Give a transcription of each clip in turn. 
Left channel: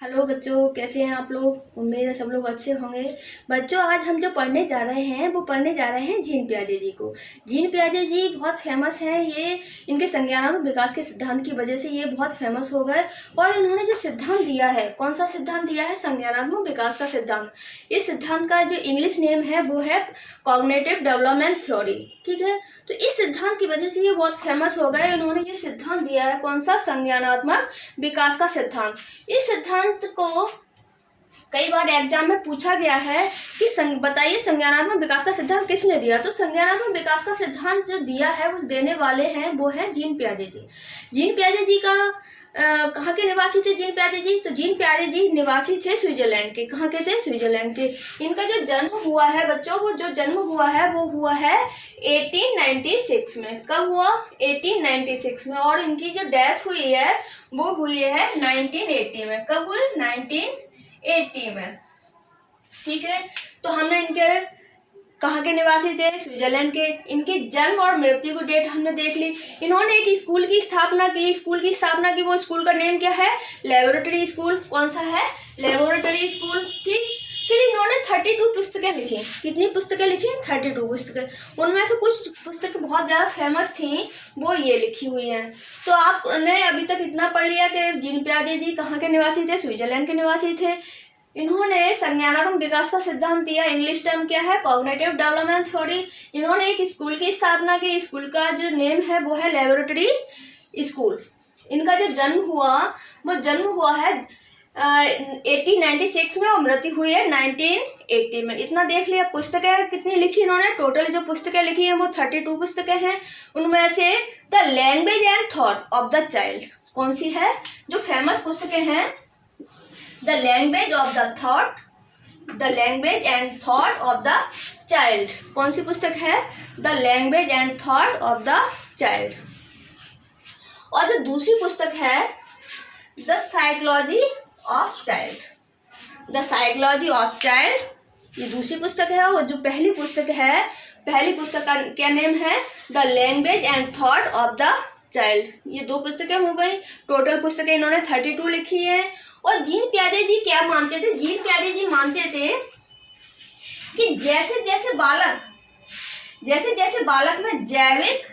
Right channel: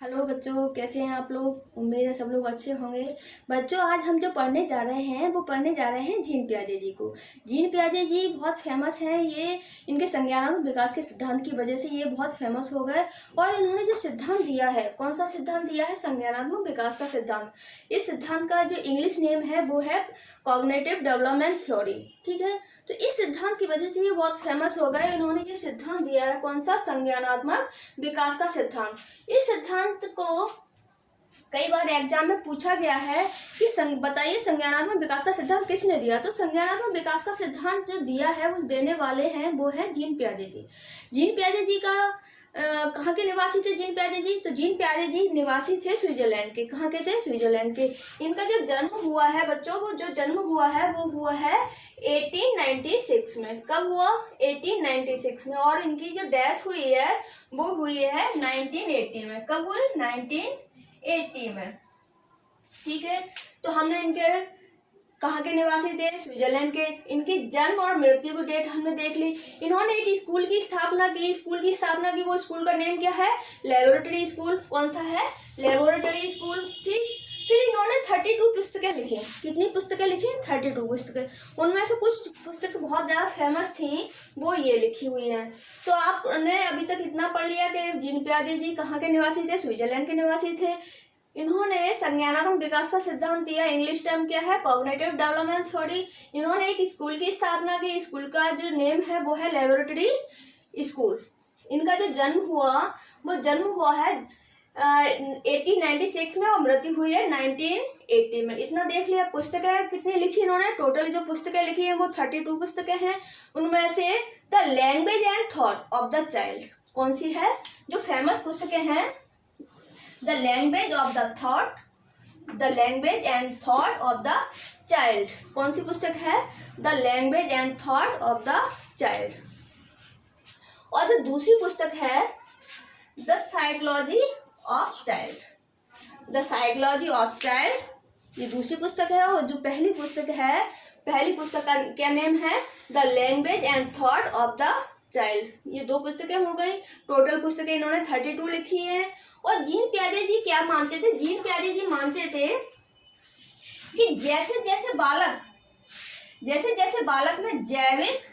Hello बच्चों, कैसे हैं आप लोग। उम्मीद है सब लोग अच्छे होंगे। बच्चों, आज हम जो पढ़ने जा रहे हैं वो पढ़ने जा रहे हैं जीन पियाजे जी को। जीन पियाजे जी बहुत फेमस हैं। ये इनके संज्ञानात्मक विकास के सिद्धांत की वजह से ये बहुत फेमस हो गए। और इन्होंने जो सिद्धांत दिया है, कौन सा सिद्धांत दिया है? संज्ञानात्मक विकास का सिद्धांत। इस सिद्धांत का जो इंग्लिश नेम है वो है कॉग्निटिव डेवलपमेंट थ्योरी। ठीक है, तो इस सिद्धांत की वजह से ये बहुत फेमस हो गए। इन्होंने ये सिद्धांत दिया है, कौन सा? संज्ञानात्मक विकास का सिद्धांत। इस सिद्धांत को कई बार एग्जाम में पूछा गया है कि बताइए संज्ञानात्मक विकास का सिद्धांत किसने दिया। तो संज्ञानात्मक विकास का सिद्धांत जो दिया है वो देने वाले हैं वो है जीन पियाजे जी। जीन पियाजे जी का कहाँ के निवासी थे जीन पियाजे जी? तो जीन पियाजे जी निवासी थे स्विट्जरलैंड के। कहाँ के थे? स्विट्जरलैंड के। इनका जो जन्म हुआ है बच्चों, वो जो जन्म हुआ है वो हुआ है 1896 में। कब हुआ? 1896 में। और इनकी जो डेथ हुई है वो हुई है 1980 में। कब हुई? 1980 में। ठीक है, तो हमने इनके कहाँ के निवासी थे? स्विट्जरलैंड के। इनके जन्म और मृत्यु की डेट हमने देख ली। इन्होंने एक स्कूल की स्थापना की। वो स्कूल का नेम क्या है? Laboratory school. कौन सा है? Laboratory school. ठीक, फिर इन्होंने 32 पुस्तकें लिखी। कितनी पुस्तकें लिखी? 32 पुस्तकें। उनमें से कुछ पुस्तकें बहुत ज़्यादा फेमस थी, वो ये लिखी हुई हैं। तो आपने अभी तक इतना पढ़ लिया कि जीन पियाजे जी कहाँ के निवासी थे? स्विट्जरलैंड के निवासी थे। इन्होंने संज्ञानात्मक विकास का सिद्धांत दिया। इंग्लिश टर्म क्या है? Cognitive development theory. इन्होंने एक स्कूल की स्थापना की। स्कूल का जो नेम है वो है लेबोरेटरी स्कूल। इनका जो जन्म हुआ है 1896 में और मृत्यु हुई है 1980 में। इतना देख लिया। पुस्तकें कितनी लिखी इन्होंने? टोटल जो पुस्तकें लिखी हैं वो 32 पुस्तकें हैं। उनमें से the language and thought of the child कौन सी है? जो फेमस पुस्तकें हैं, the language and thought of the child. कौन सी पुस्तक है? The language and thought of the child. और जो दूसरी पुस्तक है the psychology of child. The psychology of child, ये दूसरी पुस्तक है। और जो पहली पुस्तक का क्या नेम है? The language and thought of the child. ये दो पुस्तकें हो गई। टोटल पुस्तकें इन्होंने 32 लिखी है। और जीन पियाजे जी क्या मानते थे? जीन पियाजे जी मानते थे कि जैसे जैसे बालक में जैविक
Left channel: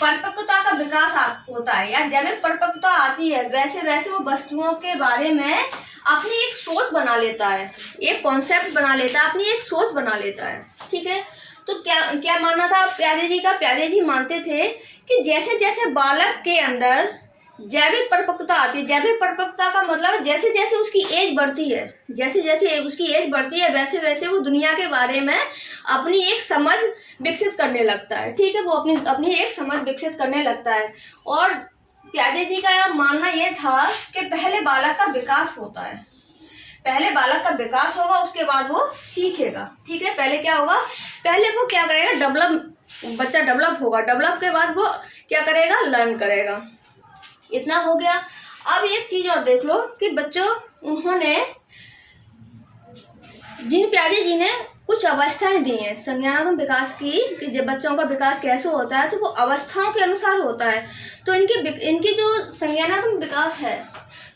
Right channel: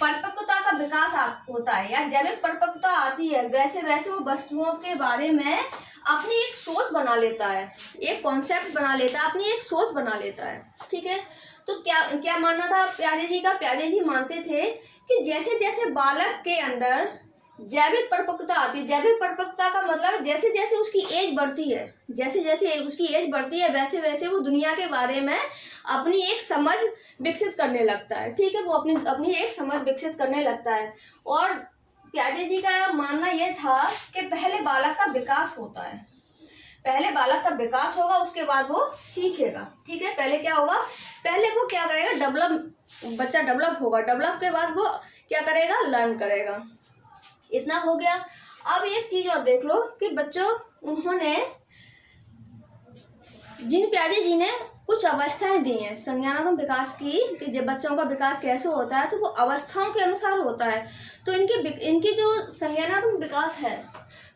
परिपक्वता का विकास होता है या जैविक परिपक्वता आती है, वैसे वैसे वो वस्तुओं के बारे में अपनी एक सोच बना लेता है, एक कॉन्सेप्ट बना लेता है, अपनी एक सोच बना लेता है। ठीक है, तो क्या मानना था प्यारे जी का? प्यारे जी मानते थे कि जैसे जैसे बालक के अंदर जैविक परिपक्वता आती है। जैविक परिपक्वता का मतलब जैसे जैसे उसकी एज बढ़ती है, वैसे वैसे वो दुनिया के बारे में अपनी एक समझ विकसित करने लगता है। ठीक है, वो अपनी एक समझ विकसित करने लगता है। और प्याजे जी का मानना यह था कि पहले बालक का विकास होता है। पहले बालक का विकास होगा, उसके बाद वो सीखेगा। ठीक है, पहले क्या होगा? पहले वो क्या करेगा? बच्चा डेवलप होगा। डेवलप के बाद वो क्या करेगा? लर्न करेगा। इतना हो गया। अब एक चीज और देख लो कि बच्चों, उन्होंने जीन पियाजे जी ने कुछ अवस्थाएं दी हैं संज्ञानात्मक विकास की, कि जब बच्चों का विकास कैसे होता है तो वो अवस्थाओं के अनुसार होता है। तो इनकी जो संज्ञानात्मक विकास है,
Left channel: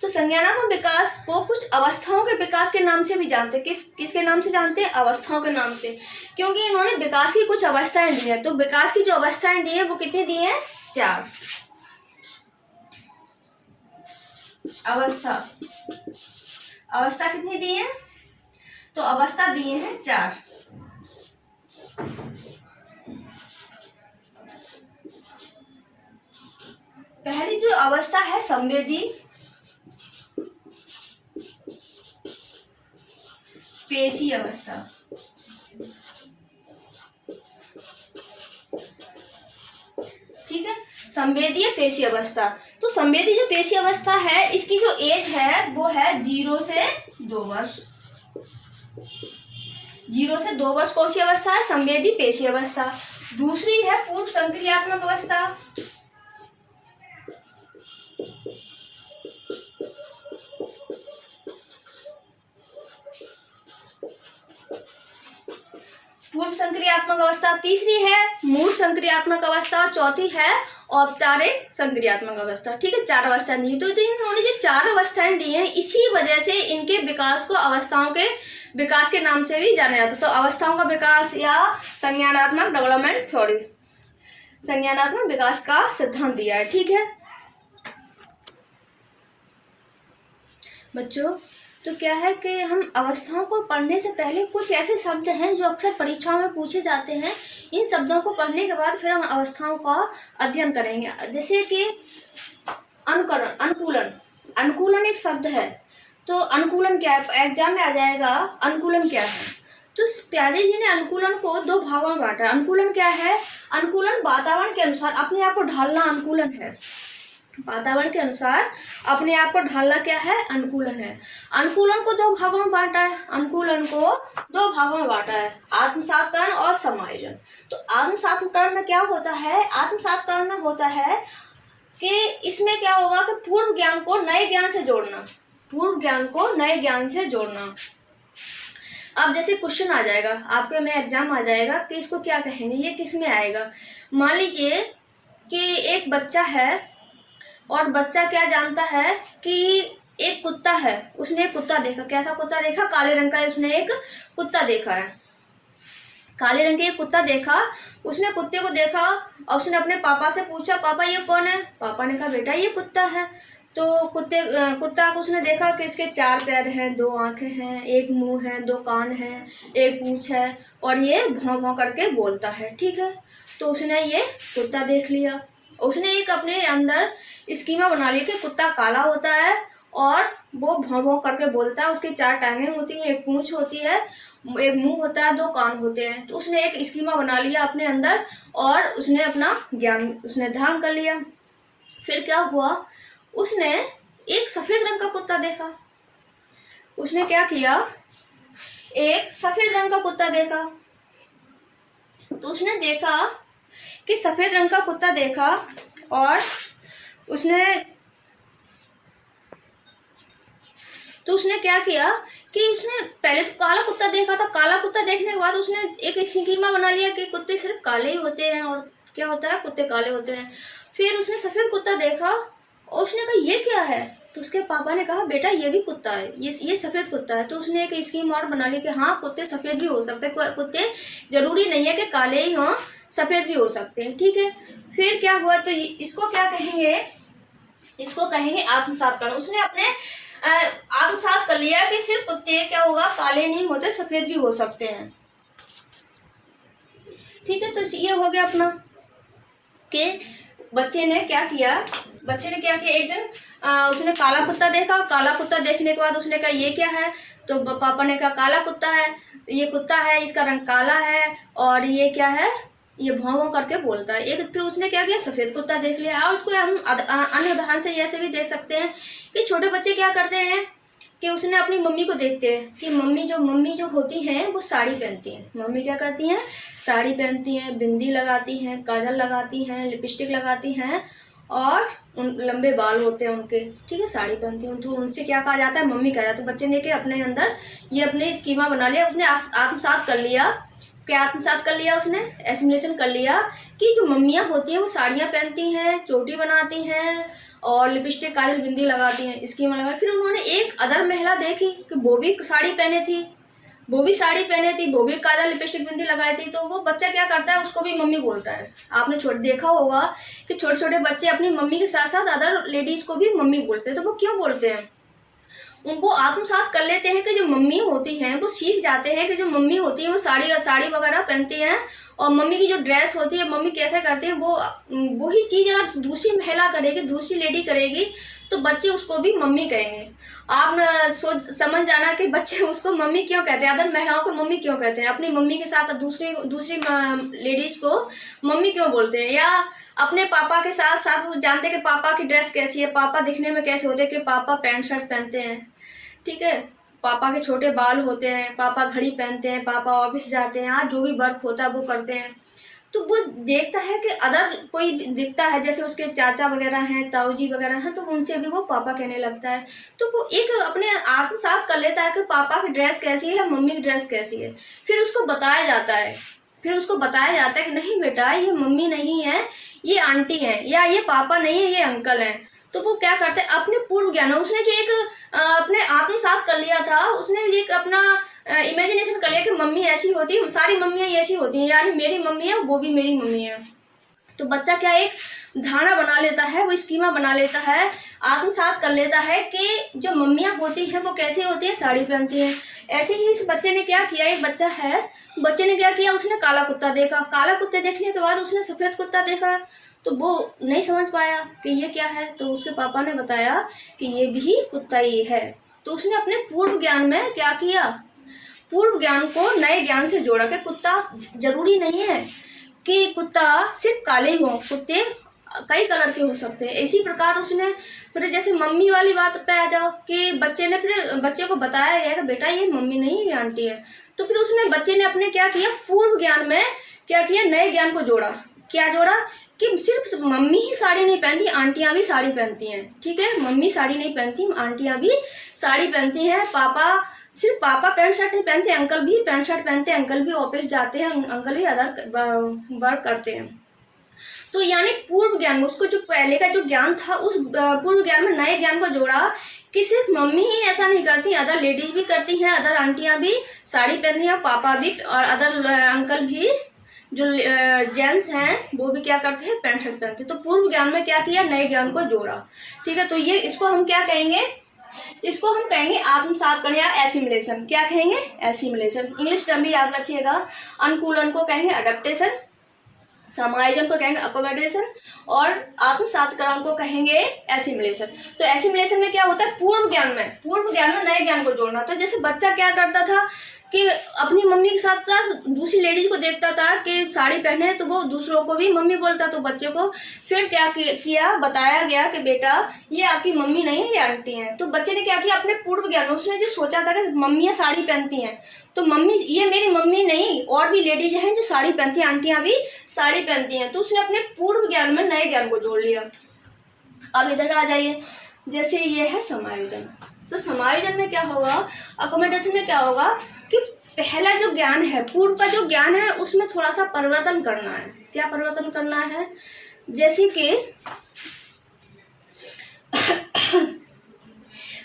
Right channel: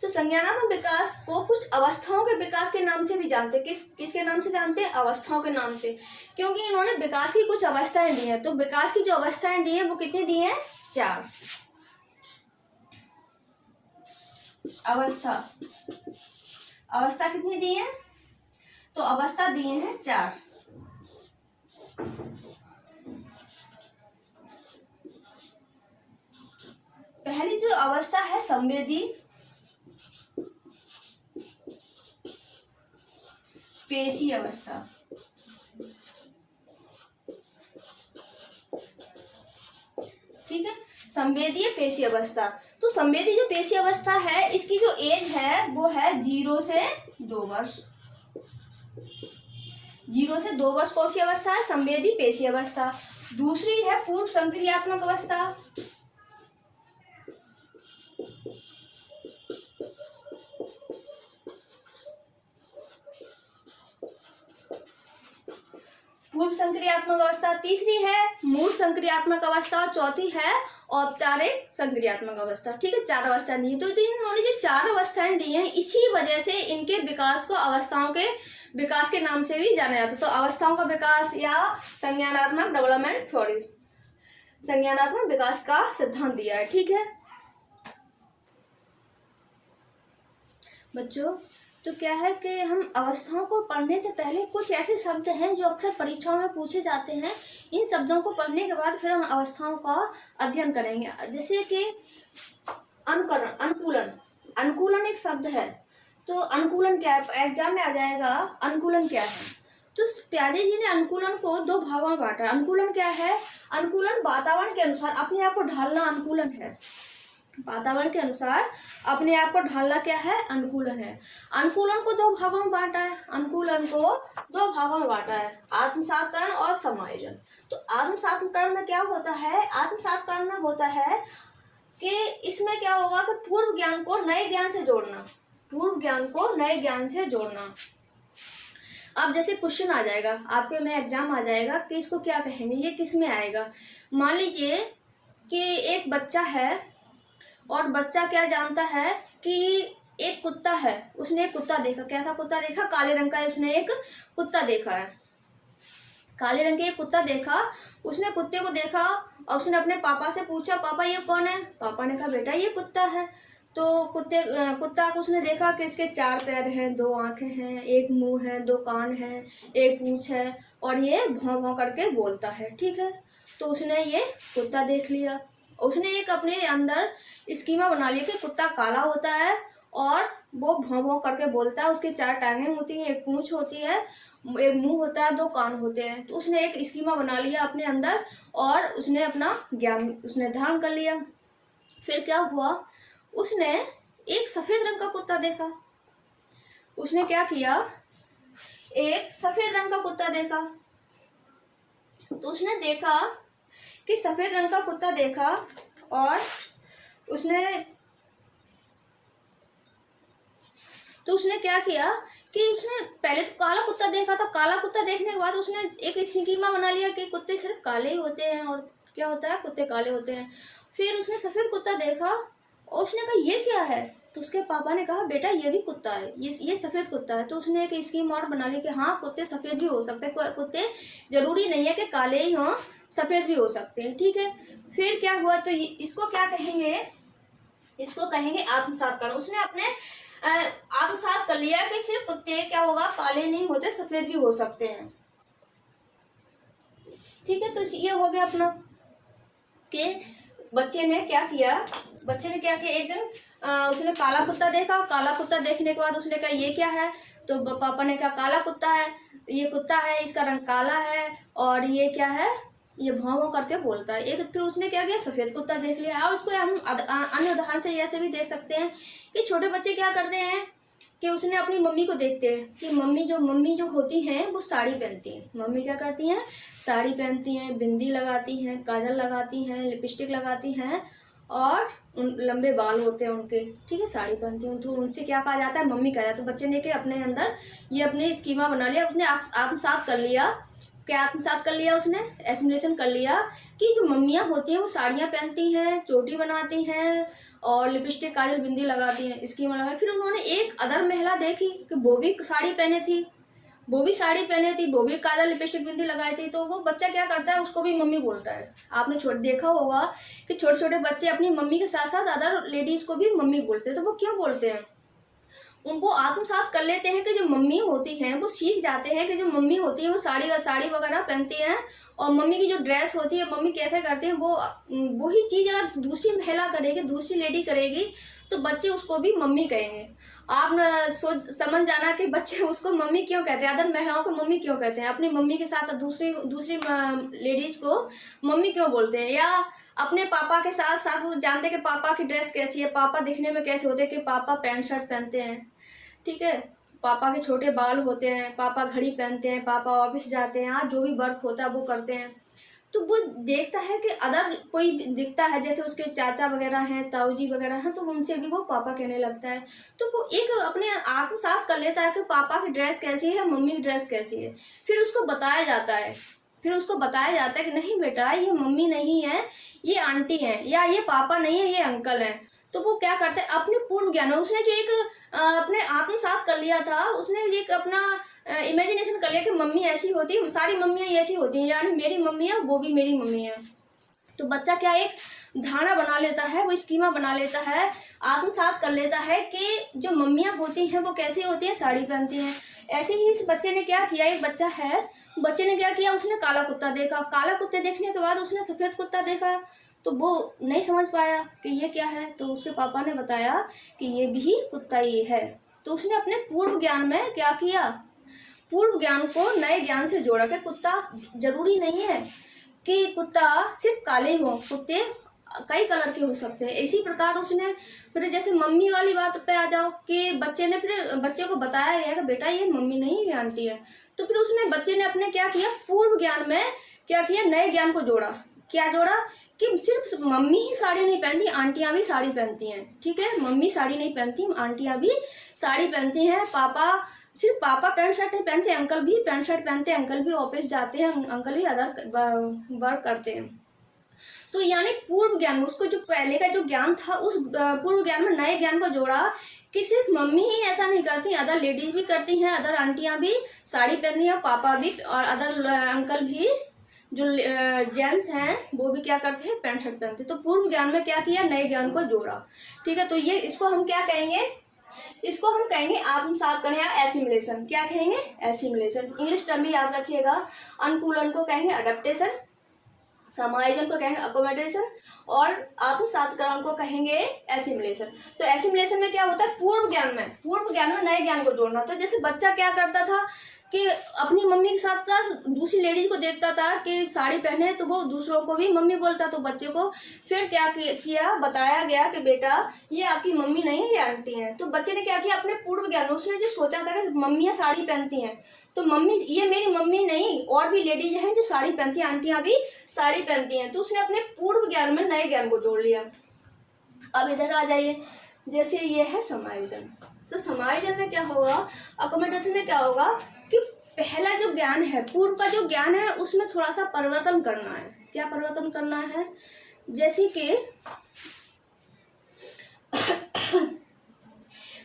तो संज्ञानात्मक विकास को कुछ अवस्थाओं के विकास के नाम से भी जानते हैं। किसके नाम से जानते हैं? अवस्थाओं के नाम से, क्योंकि इन्होंने विकास की कुछ अवस्थाएं दी हैं। तो विकास की जो अवस्थाएं दी हैं वो कितनी दी हैं? 4 अवस्था कितनी दी है? तो अवस्था दिए हैं 4। पहली जो अवस्था है संवेदी, पेशी अवस्था। ठीक है, संवेदीय पेशी अवस्था। तो संवेदी जो पेशी अवस्था है, इसकी जो एज है वो है 0 से 2 वर्ष। 0 से 2 वर्ष कौन सी अवस्था है? संवेदी पेशी अवस्था। दूसरी है पूर्व संक्रियात्मक अवस्था। पूर्व संक्रियात्मक अवस्था। तीसरी है मूल संक्रियात्मक अवस्था। और चौथी है औपचारिक, संक्रियात्मक अवस्था। ठीक है, 4 अवस्थाएं दी हैं। तो इन्होंने जो 4 अवस्थाएं दी हैं, इसी वजह से इनके विकास को अवस्थाओं के विकास के नाम से भी जाना जाता है। तो अवस्थाओं का विकास या संज्ञानात्मक डेवलपमेंट थ्योरी, संज्ञानात्मक विकास का सिद्धांत दिया है। ठीक है बच्चों, तो क्या है कि हम अवस्थाओं को पढ़ने से पहले कुछ ऐसे शब्द हैं जो अक्सर परीक्षाओं में पूछे जाते हैं। इन शब्दों को पढ़ने के बाद फिर हम अवस्थाओं का अध्ययन करेंगे। जैसे कि अनुकरण, अनुकूलन। अनुकूलन एक शब्द है, तो अनुकूलन क्या है, एग्जाम में आ जाएगा। अनुकूलन क्या है? तो प्यारे जी ने अनुकूलन को 2 भागों में बांटा। अनुकूलन क्या है? अनुकूलन वातावरण के अनुसार अपने आप को ढालना अनुकूलन है। वातावरण के अनुसार अपने आप को ढालना क्या है? अनुकूलन है। अनुकूलन को 2 भागों में बांटा है। अनुकूलन को 2 भागों में बांटा है, आत्मसात्करण और समायोजन। तो आत्मसात्करण में क्या होता है? आत्मसात्करण में होता है कि इसमें क्या होगा कि पूर्व ज्ञान को नए ज्ञान से जोड़ना, पूर्व ज्ञान को नए ज्ञान से जोड़ना। अब जैसे क्वेश्चन आ जाएगा आपके में, एग्जाम आ जाएगा कि इसको क्या कहेंगे, ये किस में आएगा। मान लीजिए कि एक बच्चा है और बच्चा क्या जानता है कि एक कुत्ता है। उसने एक कुत्ता देखा। कैसा कुत्ता देखा? काले रंग का उसने एक कुत्ता देखा है। काले रंग का एक कुत्ता देखा। उसने कुत्ते को देखा और उसने अपने पापा से पूछा, पापा ये कौन है? पापा ने कहा, बेटा ये कुत्ता है। तो कुत्ता को उसने देखा कि इसके 4 पैर हैं, 2 आंखें हैं, एक मुंह है, 2 कान हैं, एक पूंछ है और ये भौं भौं करके बोलता है। ठीक है, तो उसने ये कुत्ता देख लिया। उसने एक अपने अंदर स्कीमा बना लिया कि कुत्ता काला होता है और वो भौं भौं करके बोलता है। उसके 4 टांगें होती हैं, एक पूंछ होती है, एक मुंह होता है, 2 कान होते हैं। तो उसने एक स्कीमा बना लिया अपने अंदर और उसने अपना ज्ञान उसने धारण कर लिया। फिर क्या हुआ? उसने एक सफेद रंग का कुत्ता देखा। उसने क्या किया? एक सफेद रंग का कुत्ता देखा। तो उसने देखा कि सफेद रंग का कुत्ता देखा और उसने क्या किया कि उसने पहले तो काला कुत्ता देखा था। काला कुत्ता देखने के बाद उसने एक स्कीमा बना लिया कि कुत्ते सिर्फ काले ही होते हैं और क्या होता है, कुत्ते काले होते हैं। फिर उसने सफेद कुत्ता देखा और उसने कहा ये क्या है? तो उसके पापा ने कहा, बेटा ये भी कुत्ता है, ये सफेद कुत्ता है। तो उसने एक स्कीम और बना ली कि हाँ, कुत्ते सफेद भी हो सकते हैं, कुत्ते जरूरी नहीं है कि काले ही हों, सफेद भी हो सकते हैं। ठीक है, फिर क्या हुआ? तो इसको क्या कहेंगे? इसको कहेंगे आत्मसात्करण। उसने अपने आत्मसात कर लिया कि सिर्फ कुत्ते क्या होगा, काले नहीं होते, सफेद भी हो सकते हैं। ठीक है, तो ये हो गया अपना कि बच्चे ने क्या किया। एक दिन उसने काला कुत्ता देखा। काला कुत्ता देखने के बाद उसने कहा ये क्या है? तो पापा ने कहा काला कुत्ता है, ये कुत्ता है, इसका रंग काला है और ये क्या है, ये भौं भौं करके बोलता है। एक फिर उसने क्या किया, सफेद कुत्ता देख लिया। और उसको हम अन्य उदाहरण से ऐसे भी देख सकते हैं कि छोटे बच्चे क्या करते हैं कि उसने अपनी मम्मी को देखते हैं कि मम्मी जो होती हैं वो साड़ी पहनती हैं। मम्मी क्या करती हैं? साड़ी पहनती हैं, बिंदी लगाती हैं, काजल लगाती हैं, लिपस्टिक लगाती हैं और लंबे बाल होते हैं उनके। ठीक है, साड़ी पहनती हैं, तो उनसे क्या कहा जाता है? मम्मी कहा जाता है। बच्चे ने के अपने अंदर ये अपने स्कीमा बना लिया, उसने आत्मसात कर लिया। क्या आत्मसात कर लिया? उसने एसिमुलेशन कर लिया कि जो मम्मियाँ होती हैं वो साड़ियाँ पहनती हैं, चोटी बनाती हैं और लिपस्टिक, काजल, बिंदी लगाती हैं, स्कीमा लगा। फिर उन्होंने एक अदर महिला देखी कि वो भी साड़ी पहने थी, वो भी काजल, लिपस्टिक, बिंदी लगाई थी। तो वो बच्चा क्या करता है? उसको भी मम्मी बोलता है। आपने देखा होगा कि छोटे छोटे बच्चे अपनी मम्मी के साथ साथ अदर लेडीज को भी मम्मी बोलते हैं। तो वो क्यों बोलते हैं? उनको आत्मसात कर लेते हैं कि जो मम्मी होती हैं वो सीख जाते हैं कि जो मम्मी होती है वो साड़ी वगैरह पहनती हैं और मम्मी की जो ड्रेस होती है मम्मी कैसे करती है, वो वही चीज़ अगर दूसरी महिला करेगी, दूसरी लेडी करेगी तो बच्चे उसको भी मम्मी कहेंगे। आप सोच समझ जाना कि बच्चे उसको मम्मी क्यों कहते हैं, अदर महिलाओं को मम्मी क्यों कहते हैं, अपनी मम्मी के साथ दूसरी लेडीज को मम्मी क्यों बोलते हैं। या अपने पापा के साथ साथ वो जानते हैं कि पापा की ड्रेस कैसी है, पापा दिखने में कैसे होते हैं, कि पापा पैंट शर्ट पहनते हैं। ठीक है, पापा के छोटे बाल होते हैं, पापा घड़ी पहनते हैं, पापा ऑफिस जाते हैं, हाँ जो भी वर्क होता है वो करते हैं। तो वो देखता है कि अदर कोई दिखता है, जैसे उसके चाचा वगैरह हैं, ताऊ जी वगैरह हैं, तो उनसे भी वो पापा कहने लगता है। तो वो एक अपने आत्मसात कर लेता है कि पापा की ड्रेस कैसी है, मम्मी की ड्रेस कैसी है। फिर उसको बताया जाता है फिर उसको बताया जाता है कि नहीं बेटा, ये मम्मी नहीं है, ये आंटी है, या ये पापा नहीं है, ये अंकल है। तो वो क्या करता है, अपने पूर्व ज्ञान, उसने जो एक अपने आत्मसात कर लिया था, उसने एक अपना इमेजिनेशन कर लिया कि मम्मी ऐसी होती है, सारी मम्मियाँ ऐसी होती हैं, यानी मेरी मम्मी है वो भी मेरी मम्मी है। तो बच्चा क्या एक धारणा बना लेता है, वो स्कीमा बना लेता है, आत्मसात कर लेता है कि जो मम्मियाँ होती हैं वो कैसी होती हैं, साड़ी पहनती हैं। ऐसे ही इस बच्चे ने क्या किया, एक बच्चा है, बच्चे ने क्या किया, उसने काला कुत्ता देखा, काला कुत्ते देखने के बाद उसने सफ़ेद कुत्ता देखा, तो वो नहीं समझ पाया कि ये क्या है। तो उसके पापा ने बताया कि ये भी कुत्ता ही है। तो उसने अपने पूर्व ज्ञान में क्या किया, पूर्व ज्ञान को नए ज्ञान से जोड़ा कि कुत्ता जरूरी नहीं है कि कुत्ता सिर्फ काले ही हों, कुत्ते कई कलर के हो सकते हैं। इसी प्रकार उसने फिर जैसे मम्मी वाली बात पे आ जाओ कि बच्चे ने फिर बच्चे को बताया गया कि बेटा ये मम्मी नहीं, ये आंटी है। तो फिर उसने बच्चे ने अपने क्या किया, पूर्व ज्ञान में क्या किया, नए ज्ञान को जोड़ा। क्या जोड़ा कि सिर्फ मम्मी ही साड़ी नहीं पहनती, आंटियां भी साड़ी पहनती हैं। ठीक है, मम्मी साड़ी नहीं पहनती, आंटियां भी साड़ी पहनती हैं। सिर्फ पापा पैंट शर्ट नहीं पहनते, अंकल भी पैंट शर्ट पहनते हैं, अंकल भी ऑफिस जाते हैं, अंकल भी अदर वर्क करते हैं। तो यानी पूर्व ज्ञान में उसको जो पहले का जो ज्ञान था, उस पूर्व ज्ञान में नए ज्ञान को जोड़ा कि सिर्फ मम्मी ही ऐसा नहीं करती, अदर लेडीज भी करती हैं, अदर आंटियां भी साड़ी पहनती हैं, पापा भी और अदर अंकल भी जो जेंट्स हैं वो भी क्या करते हैं, पैंट शर्ट पहनते हैं। तो पूर्व ज्ञान में क्या किया, नए ज्ञान को जोड़ा। ठीक है, तो ये इसको हम क्या कहेंगे, इसको हम कहेंगे आत्मसात करना या एसिमिलेशन। क्या कहेंगे, एसिमिलेशन। इंग्लिश टर्म भी याद रखिएगा। अनुकूलन को कहेंगे अडेप्टेशन, समायोजन को कहेंगे अकोमोडेशन, और आत्मसातकरण को कहेंगे एसिमिलेशन। तो एसिमिलेशन में क्या होता है, पूर्व ज्ञान में नए ज्ञान को जोड़ना। तो जैसे बच्चा क्या करता था कि अपनी मम्मी के साथ साथ दूसरी लेडीज को देखता था कि साड़ी पहने है, तो वो दूसरों को भी मम्मी बोलता। तो बच्चे को फिर क्या किया, बताया गया कि बेटा ये आपकी मम्मी नहीं है, ये आंटी हैं। तो बच्चे ने क्या किया, अपने पूर्व ज्ञान, उसने जो सोचा था कि मम्मियाँ साड़ी पहनती हैं, तो मम्मी ये मेरी मम्मी नहीं, और भी लेडीज हैं जो साड़ी पहनती हैं, आंटियां भी साड़ी पहनती हैं। तो उसने अपने पूर्व ज्ञान में नए ज्ञान को जोड़ लिया। अब इधर आ जाइए, जैसे ये है समायोजन। तो समायोजन में क्या होगा, अकोमोडेशन में क्या होगा कि पहला जो ज्ञान है, पूर्व का जो ज्ञान है, उसमें थोड़ा सा परिवर्तन करना है। क्या परिवर्तन करना है, जैसे कि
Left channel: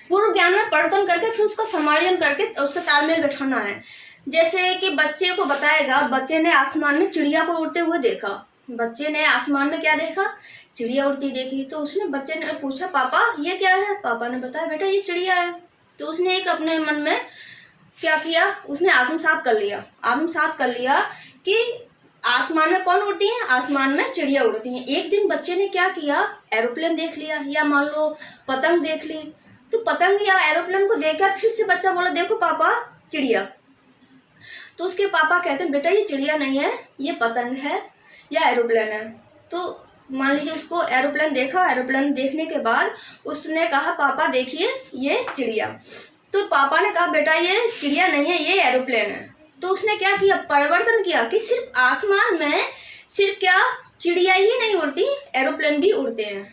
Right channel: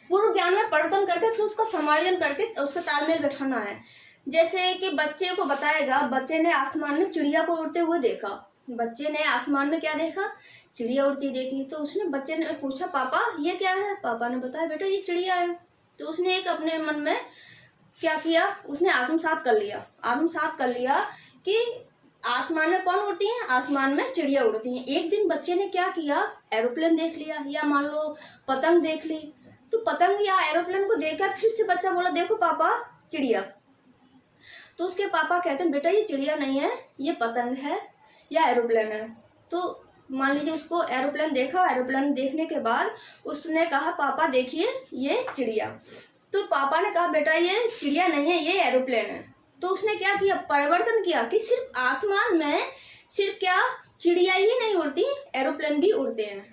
पूर्व ज्ञान में परिवर्तन करके फिर उसका समायोजन करके उसका तालमेल बैठाना है। जैसे कि बच्चे को बताएगा, बच्चे ने आसमान में चिड़िया को उड़ते हुए देखा, बच्चे ने आसमान में क्या देखा, चिड़िया उड़ती देखी। तो उसने बच्चे ने पूछा पापा ये क्या है, पापा ने बताया बेटा ये चिड़िया है। तो उसने एक अपने मन में क्या किया, उसने आत्मसात कर लिया कि आसमान में कौन उड़ती है, आसमान में चिड़िया उड़ती हैं। एक दिन बच्चे ने क्या किया, एरोप्लेन देख लिया, या मान लो पतंग देख ली। तो पतंग या एरोप्लेन को देखकर फिर से बच्चा बोला देखो पापा चिड़िया। तो उसके पापा कहते हैं बेटा ये चिड़िया नहीं है, ये पतंग है या एरोप्लेन है। तो मान लीजिए उसको एरोप्लेन देखा, एरोप्लेन देखने के बाद उसने कहा पापा देखिए ये चिड़िया। तो पापा ने कहा बेटा ये चिड़िया नहीं है, ये एरोप्लेन है। तो उसने क्या किया, परिवर्तन किया कि सिर्फ आसमान में सिर्फ क्या चिड़िया ही नहीं उड़ती, एरोप्लेन भी उड़ते हैं।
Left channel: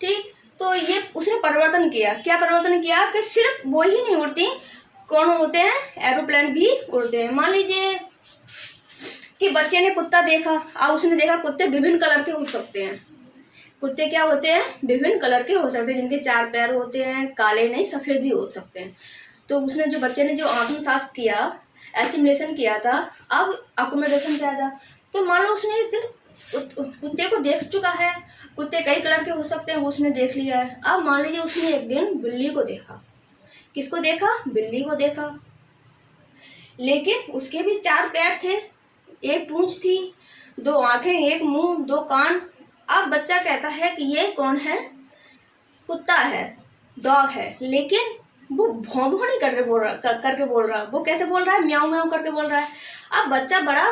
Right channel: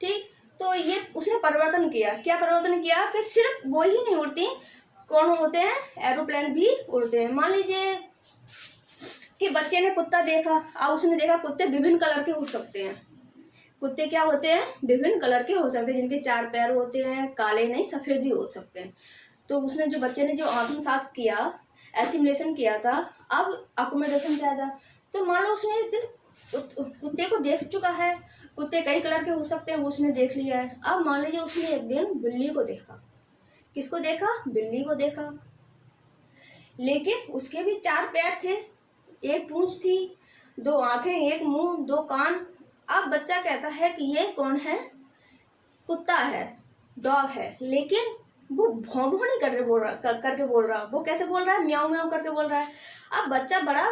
ठीक, तो ये उसने परिवर्तन किया। क्या परिवर्तन किया कि सिर्फ वो ही नहीं उड़ती, कौन होते हैं, एरोप्लेन भी उड़ते हैं। मान लीजिए कि बच्चे ने कुत्ता देखा, अब उसने देखा कुत्ते विभिन्न कलर के हो सकते हैं। कुत्ते क्या होते हैं, विभिन्न कलर के हो सकते हैं, जिनके 4 पैर होते हैं, काले नहीं सफ़ेद भी हो सकते हैं। तो उसने जो बच्चे ने जो आत्मसात किया, एसिमिलेशन किया था, अब अकोमोडेशन पे आ जा। तो मान लो उसने एक दिन कुत्ते को देख चुका है, कुत्ते कई कलर के हो सकते हैं, वो उसने देख लिया है। अब मान लीजिए उसने एक दिन बिल्ली को देखा। किसको देखा, बिल्ली को देखा, लेकिन उसके भी 4 पैर थे, एक पूंछ थी, 2 आंखें, एक मुंह, 2 कान। अब बच्चा कहता है कि ये कौन है, कुत्ता है, डॉग है, लेकिन वो भौं भौं नहीं करके बोल रहा, वो कैसे बोल रहा है, म्याऊं म्याऊं करके बोल रहा है। अब बच्चा बड़ा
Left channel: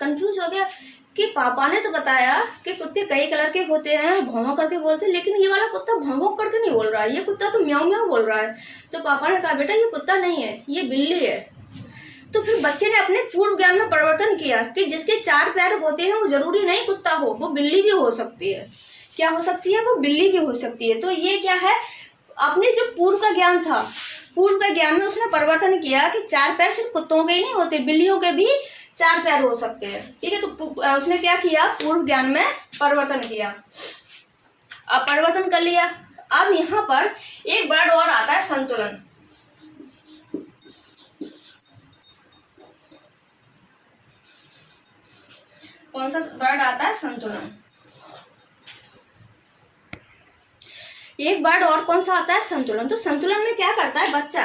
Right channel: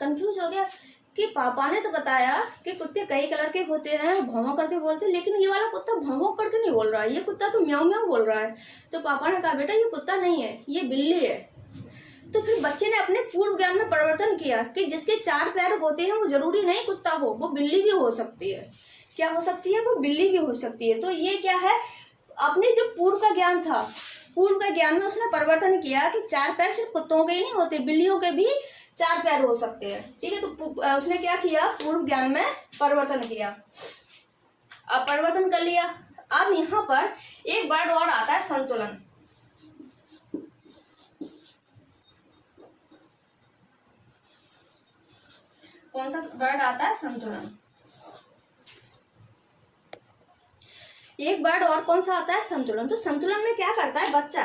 कंफ्यूज हो गया कि पापा ने तो बताया कि कुत्ते कई कलर के होते हैं, भौं भौं करके बोलते हैं, लेकिन ये वाला कुत्ता भौं भौं करके नहीं बोल रहा है, ये कुत्ता तो म्याऊं म्याऊं बोल रहा है। तो पापा ने कहा बेटा ये कुत्ता नहीं है, ये बिल्ली है। तो फिर बच्चे ने अपने पूर्व ज्ञान में परिवर्तन किया कि जिसके 4 पैर होते हैं वो जरूरी नहीं कुत्ता हो, वो बिल्ली भी हो सकती है। क्या हो सकती है, वो बिल्ली भी हो सकती है। तो ये क्या है, अपने जो पूर्व का ज्ञान था, पूर्व का ज्ञान में उसने परिवर्तन किया कि 4 पैर सिर्फ कुत्तों के ही नहीं होते, बिल्लियों के भी चार प्यार हो सकते हैं, ठीक है। तो उसने क्या किया, पूर्व ज्ञान में परिवर्तन किया। अब परिवर्तन कर लिया, अब यहाँ पर एक वर्ड और आता है संतुलन। कौन सा वर्ड आता है, संतुलन। एक वर्ड और कौन सा आता है, संतुलन। तो संतुलन में क्या करता है बच्चा,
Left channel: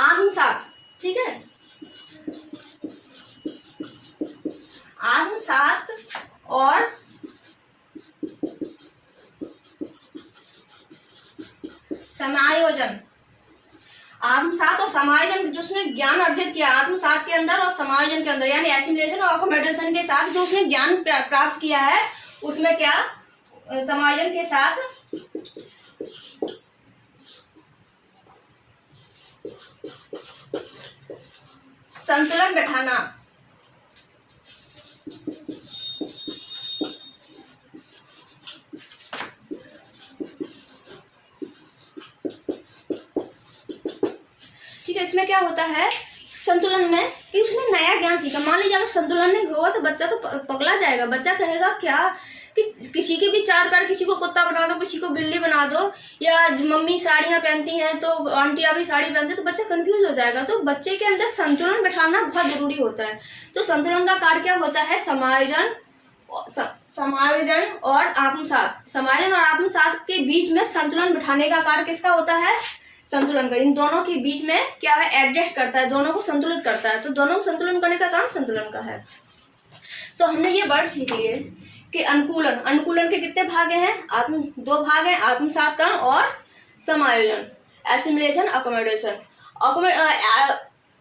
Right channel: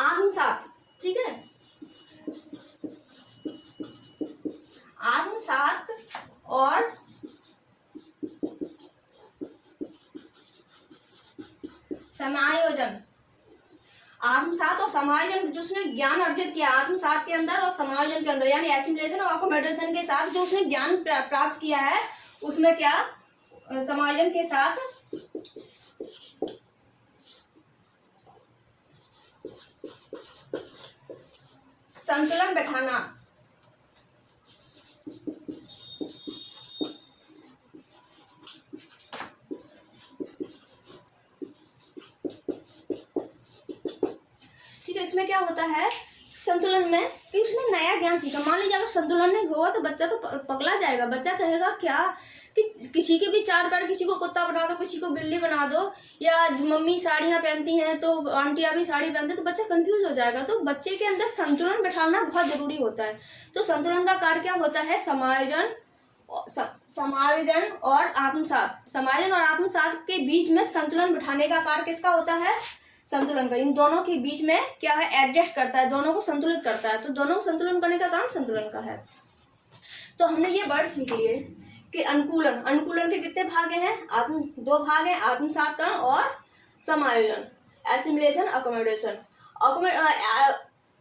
आत्मसात, ठीक है, आत्मसात और समायोजन, आत्मसात और समायोजन, जो उसने ज्ञान अर्जित किया आत्मसात के अंदर और समायोजन के अंदर, यानी एसिमिलेशन और अकोमोडेशन के साथ जो उसने ज्ञान प्राप्त किया है, उसमें क्या, समायोजन के साथ संतुलन बैठाना। ठीक है, इसमें क्या होता है संतुलन में कि उसने नया ज्ञान सीखा। मान लीजिए अगर संतुलन नहीं होगा तो बच्चा तो पगला जाएगा। बच्चा कहेगा क्या कि किसी के भी चार पैर, किसी को कुत्ता बना दो, किसी को बिल्ली बना दो, या मम्मी साड़ियाँ पहनती हैं तो आंटियाँ भी साड़ी पहनती हैं, तो बच्चा कंफ्यूज हो जाएगा। तो बच्चे के अंदर संतुलन बैठाना बहुत जरूरी होता है। तो संतुलन का कार्य क्या होता है, समायोजन, समायोजन और आत्मसात। समायोजन और आत्मसात के बीच में संतुलन बैठाने का कार्य किसका होता है, संतुलन का। इन दोनों के बीच में क्या है, एडजस्ट करता है, दोनों को संतुलित करता है। तो दोनों को संतुलन करने का काम संतुलन का है। तो हमने ये वर्ड सीख लिए कि अनुकूलन, अनुकूलन के कितने भाग हैं, दो भाग हैं, आत्मसात और समायोजन, एसिमिलेशन, अकोमोडेशन।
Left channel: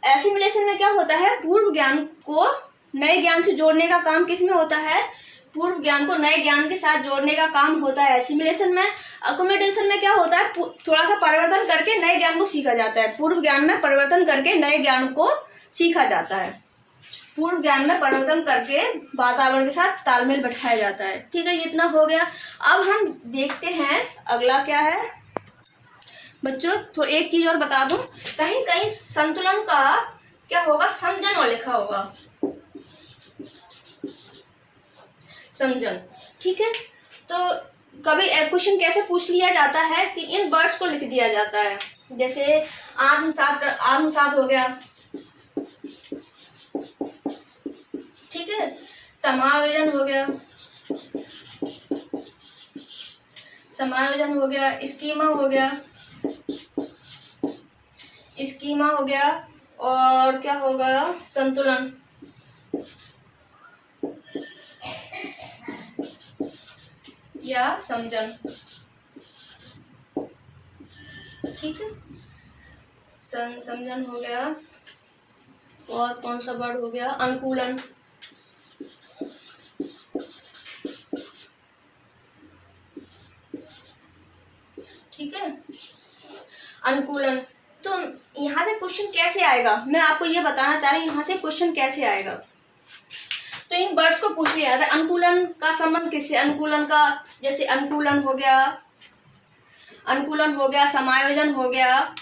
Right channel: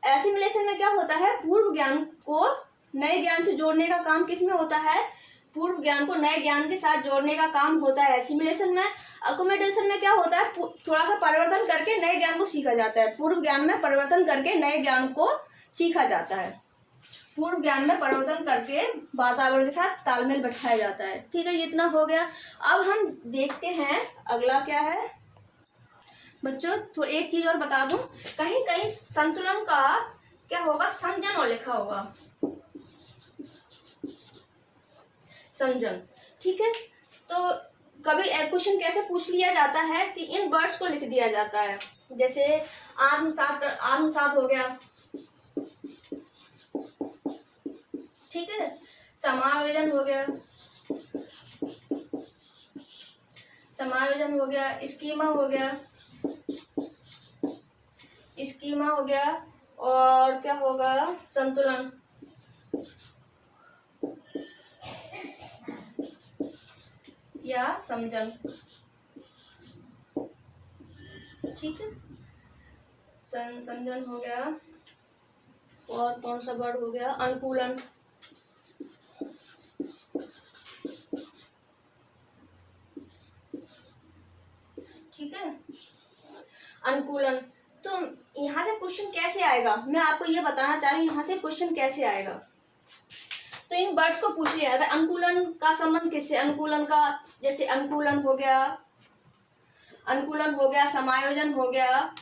एसिमिलेशन में क्या होता है, पूर्व ज्ञान को नए ज्ञान से जोड़ने का काम किस में होता है, पूर्व ज्ञान को नए ज्ञान के साथ जोड़ने का काम होता है एसिमिलेशन में। अकोमोडेशन में क्या होता है, थोड़ा सा परिवर्तन करके नए ज्ञान को सीखा जाता है। पूर्व ज्ञान में परिवर्तन करके नए ज्ञान को सीखा जाता है, पूर्व ज्ञान में परिवर्तन करके वातावरण के साथ तालमेल बैठाया जाता है। ठीक है, ये इतना हो गया। अब हम देखते हैं अगला क्या है बच्चों। तो एक चीज और बता दूं, कहीं कहीं संतुलन का क्या होगा, समझन और लिखा होगा, समझन। ठीक है, तो कभी क्वेश्चन कैसे पूछ लिया जाता है कि इन वर्ड्स को लिख दिया जाता है। जैसे आत्मसात हो गया, ठीक है, समायोजन हो गया, समायोजन हो गया, स्कीमा हो गया, स्कीमा हो गया, और क्या होगा, संतुलन। या समझन। ठीक है, समझन हो गया, और कौन सा वर्ड हो गया, अनुकूलन। ठीक है, अनुकूलन। तो यहाँ से क्वेश्चन कैसे आएगा, मैं आपको ये बताना चाह रही हूँ यहाँ से क्वेश्चन कैसे आएगा। तो इन वर्ड्स को पूछ लिया था, अनुकूलन का संबंध किससे, अनुकूलन का, जैसे अनुकूलन हो गया, अनुकूलन हो गया, समायोजन हो गया,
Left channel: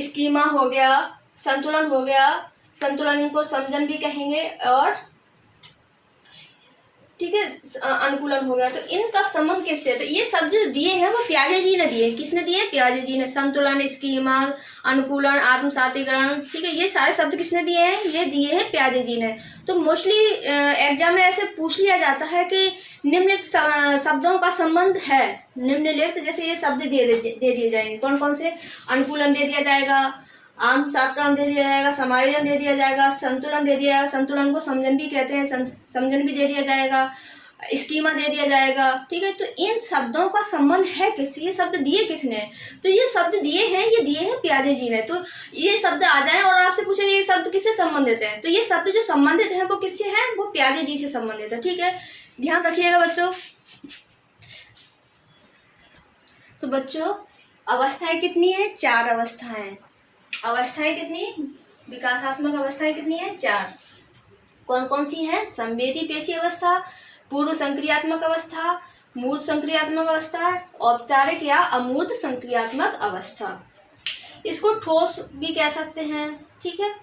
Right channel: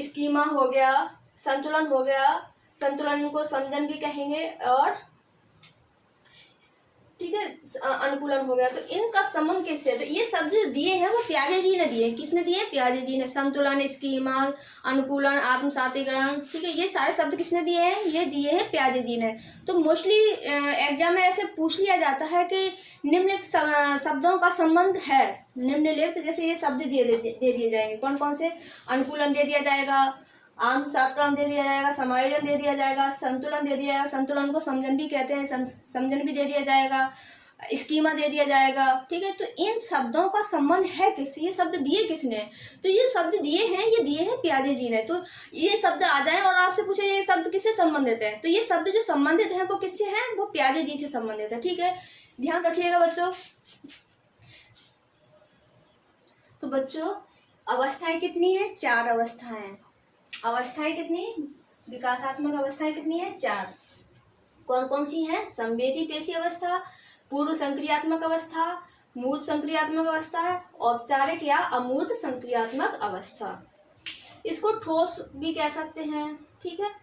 स्कीमा हो गया, संतुलन हो गया, संतुलन को समझन भी कहेंगे, और ठीक है अनुकूलन हो गया। तो इनका संबंध किससे है, तो ये सब जो दिए हैं वो प्याजे जी ने दिए। किसने दिए, प्याजे जी ने। संतुलन, स्कीमा, अनुकूलन, आत्मसातीकरण, ठीक है, ये सारे शब्द किसने दिए हैं, ये दिए हैं प्याजे जी ने। तो मोस्टली एग्जाम में ऐसे पूछ लिया जाता है कि निम्नलिखित शब्दों का संबंध है, निम्नलिखित जैसे ये शब्द दे दिए जाएंगे, कौन कौन से, अनुकूलन दे दिया जाएगा, आत्मसातीकरण दे दिया जाएगा, समायोजन दे दिया जाएगा, संतुलन दे दिया जाएगा, संतुलन को समझन भी कहते हैं, समझन भी दे दिया जाएगा, स्कीमा दे दिया जाएगा। ठीक है, तो इन शब्दों का संबंध है किससे, ये शब्द दिए किसने, तो ये शब्द दिए हैं, ये दिए हैं प्याजे जी ने। तो ये शब्द आ जाए और आपसे पूछे ये शब्द किससे संबंधित है, तो ये शब्द जो संबंधित है वो किससे है, वो प्याजे जी से संबंधित है। ठीक है, ध्यान रखिएगा बच्चों। तो बच्चों अवस्थाएं कितनी है, 4 अवस्थाएं। अवस्थाएं कितनी, विकासात्मक अवस्थाएं कितनी है, 4। कौन कौन सी हैं, संवेदी पेशी अवस्था, पूर्व संक्रियात्मक अवस्था, मूर्त संक्रियात्मक अवस्था, औपचारिक या अमूर्त संक्रियात्मक अवस्था। इसको ठोस भी कह सकते हैं। ठीक है,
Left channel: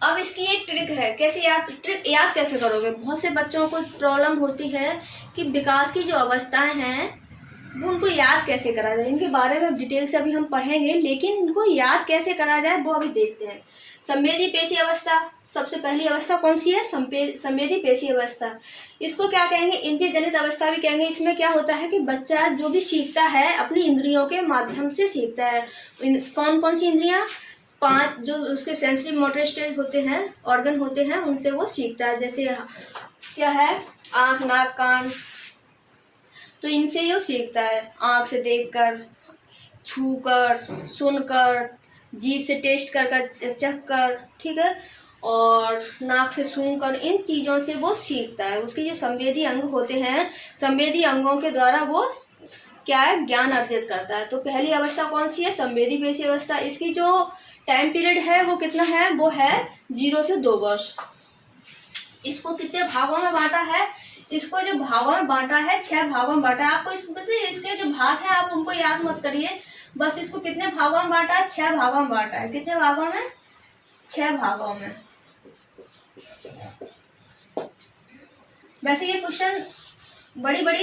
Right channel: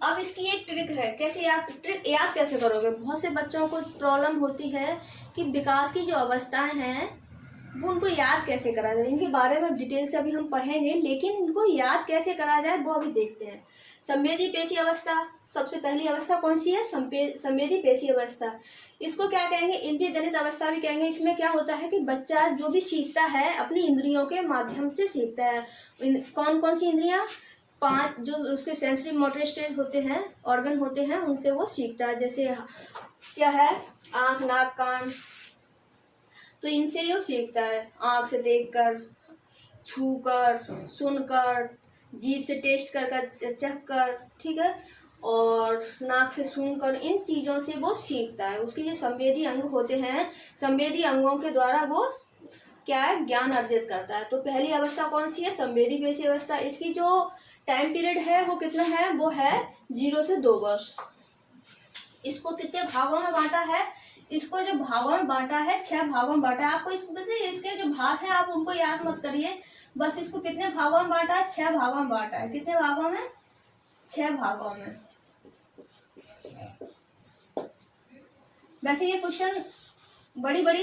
अब इसकी एक ट्रिक है, कैसे ट्रिक याद कैसे करोगे। बहुत से बच्चों को प्रॉब्लम होती है कि विकास की जो अवस्थाएं हैं वो उनको याद कैसे करा जाए। इनके बारे में डिटेल से अभी हम पढ़ेंगे, लेकिन इनको याद कैसे करा जाए वो अभी देखते हैं। संवेदी पेशी अवस्था, सबसे पहली अवस्था कौन सी है, संवेदी पेशी अवस्था। इसको क्या कहेंगे, इंद्रिय जनित अवस्था भी कहेंगे। इसमें क्या होता है कि बच्चा जो भी सीखता है अपनी इंद्रियों के माध्यम से सीखता है। कौन कौन सी इंद्रियां, 5 जो उसके सेंसरी मोटर स्टेज होते हैं, ऑर्गन होते हैं, उनसे वो सीखता है। जैसे क्या है, आँख, नाक, कान, तो इनसे वो सीखता है। आँख से देखकर, छूकर, सुनकर, जीभ से टेस्ट कर चख कर, ठीक है, और नाक से सूंघकर, इन चीज़ों से वो सीखता है। उसके जो संवेदी अंग होते हैं, संवेदी अंगों के द्वारा वो क्या है, ज्ञान अर्जित करता है। तो पहली अवस्था कौन सी है, संवेदी पेशी अवस्था। इसकी जो टाइम पीरियड है वो कितना है, वो है 0 से 2 वर्ष। इसको कितने भागों में बांटा है, इसको जो भागों में बांटा है 6 भागों में बांटा है। आपको इसके जो भाग है आप उनको याद मत करिए, बस इसको कितने भागों में बांटा है, 6 भागों में बांटा है। कितने भागों में, 6 भागों में। वैसे ये क्वेश्चन बड़ी बड़ी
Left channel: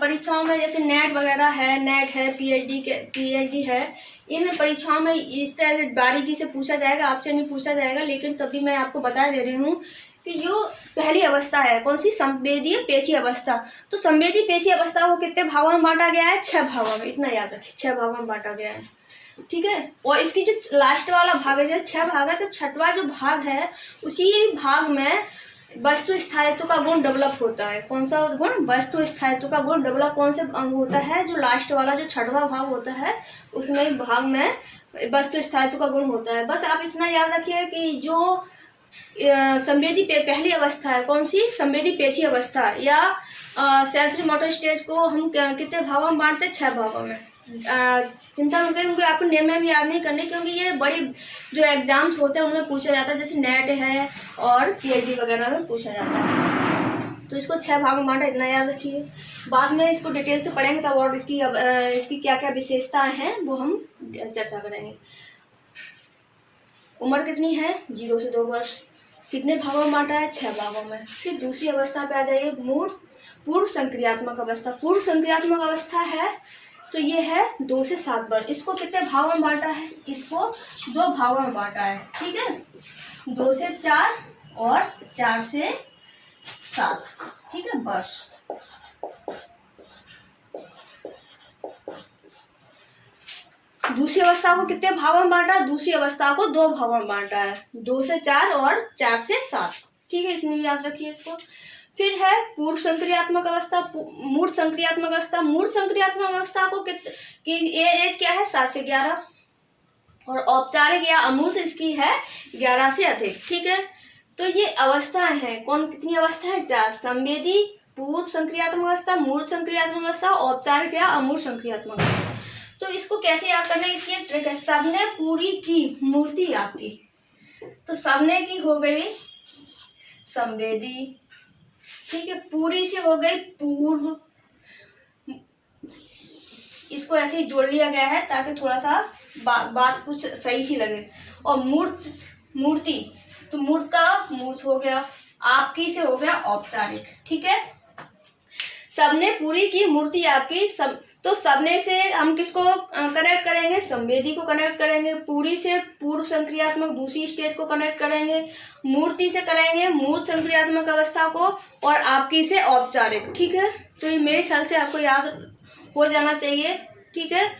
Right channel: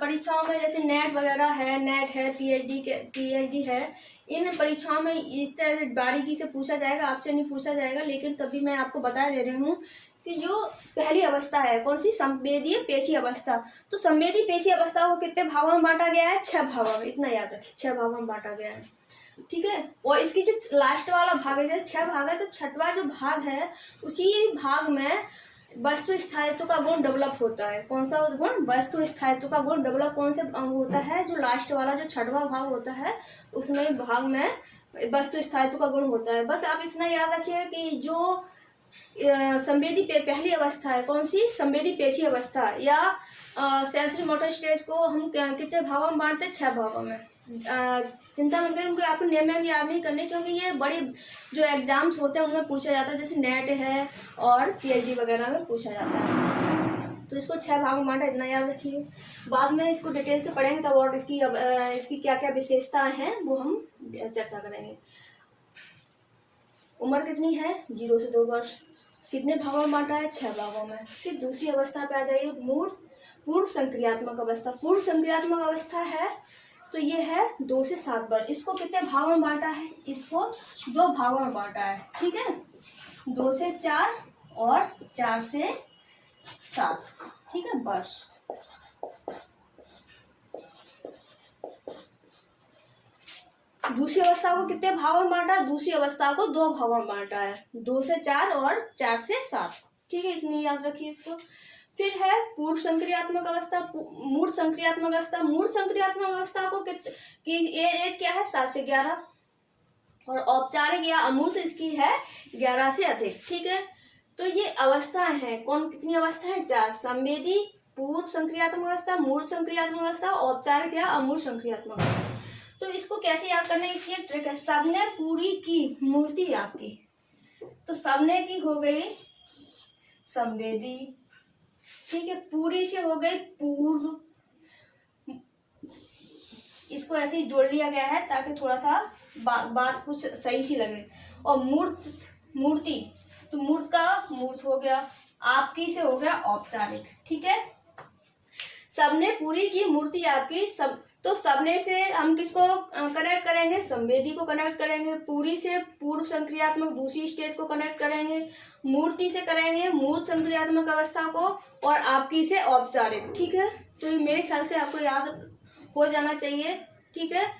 परीक्षाओं में, जैसे नेट वगैरह है, नेट है, पीएचडी है, इन परीक्षाओं में इस तरह से बारीकी से पूछा जाएगा, आपसे नहीं पूछा जाएगा। लेकिन तभी मैं आपको बता दे रही हूँ कि जो पहली अवस्था है कौन सी, संवेदी पेशी अवस्था। तो संवेदी पेशी अवस्था को कितने भागों में बांटा गया है, 6 भागों में। इतना याद रखिए, 6 भागों में बांटा गया है, ठीक है। और इसकी जो लास्ट वाला भाग है, जैसे 6 भाग है तो 6वां जो भाग है, उसी भाग में वस्तु स्थायित्व का गुण डेवलप होता है। कौन सा गुण, वस्तु स्थायित्व का गुण डेवलप कौन से अंग होता है, जो लास्ट वाला जो 6वां भाग होता है, उसमें भाग में वस्तु स्थायित्व का गुण होता है। बस आप इतना याद रखिए कि जो संवेदी पहली अवस्था है कौन सी, संवेदी पेशी अवस्था या सेंसरी मोटर स्टेज को हम कितने भागों में बांटते हैं, 6 भागों में। चिंता मत करें, उनको आपको नेम में याद नहीं करने, क्योंकि ये बड़ी जो एग्जाम्स होते हैं उनमें पूछा जाता है, जैसे नेट है और पीएचडी वगैरह में पूछा जाता है। तो इसको 6 भागों में बांटा, इतना याद रखिए। बाद में इसको डिटेल से पढ़ेंगे तब, और इसकी क्या क्या विशेषताएं हैं वो हम चर्चा करेंगे। उम्र कितनी है, 0 से 2 वर्ष। कितने भागों में बांटा है, 6 भागों में। फिर दूसरी अवस्था पे आ जाइए, पूर्व संक्रियात्मक अवस्था। पूर्व संक्रियात्मक अवस्था है तो ये है 2 से 7 वर्ष। इसको कितने भागों में बांटा है, इसको 2 भागों में बांटा है, ठीक है, 2 से 4 और 4 से 7, ठीक है, वर्ष। दूसरी अवस्था को कितने भागों में बांटा, दूसरी अवस्था को 2 भागों में बांटा है, 2 से 4 और 4 से 7, ठीक है, इसलिए याद रखिए इसको। फिर है पूर्व संक्रियात्मक अवस्था, मूर्त संक्रियात्मक अवस्था। मूर्त संक्रियात्मक अवस्था को एज क्या है, 7 से 11, और औपचारिक या अमूर्त इसकी है 11 से अधिक, ठीक है। तो ये अवस्थाएं हैं, कौन कितनी अवस्था है, 4। संवेदी, पूर्व संक्रियात्मक अवस्था, मूर्त संक्रियात्मक अवस्था, औपचारिक या अमूर्त संक्रियात्मक अवस्था। तो इसको कैसे याद करना है, इसकी एक ट्रिक है। सबने पूरी की मूर्ति आपकी, तो सबने की हो गई संवेदी, ठीक है, पूरी से हो गई पूर्व। इसको ऐसे ही जोड़ लिया गया है ताकि थोड़ा सा बात कुछ सही सी लगे। और मूर्ति, तो मूर्त हो गया, आपकी से हो गया औपचारिक, ठीक है। सबने पूरी की मूर्ति आपकी, तो सबने से हम किसको कनेक्ट करेंगे, संवेदी को कनेक्ट करेंगे। पूरी से पूर्व संक्रियात्मक दूसरी स्टेज को कनेक्ट करेंगे। मूर्ति से करेंगे मूर्त संक्रियात्मक अवस्था को, और आपकी से औपचारिक, ठीक है। तो ये मेरे ख्याल से आपको याद हो जाना चाहिए, ठीक है।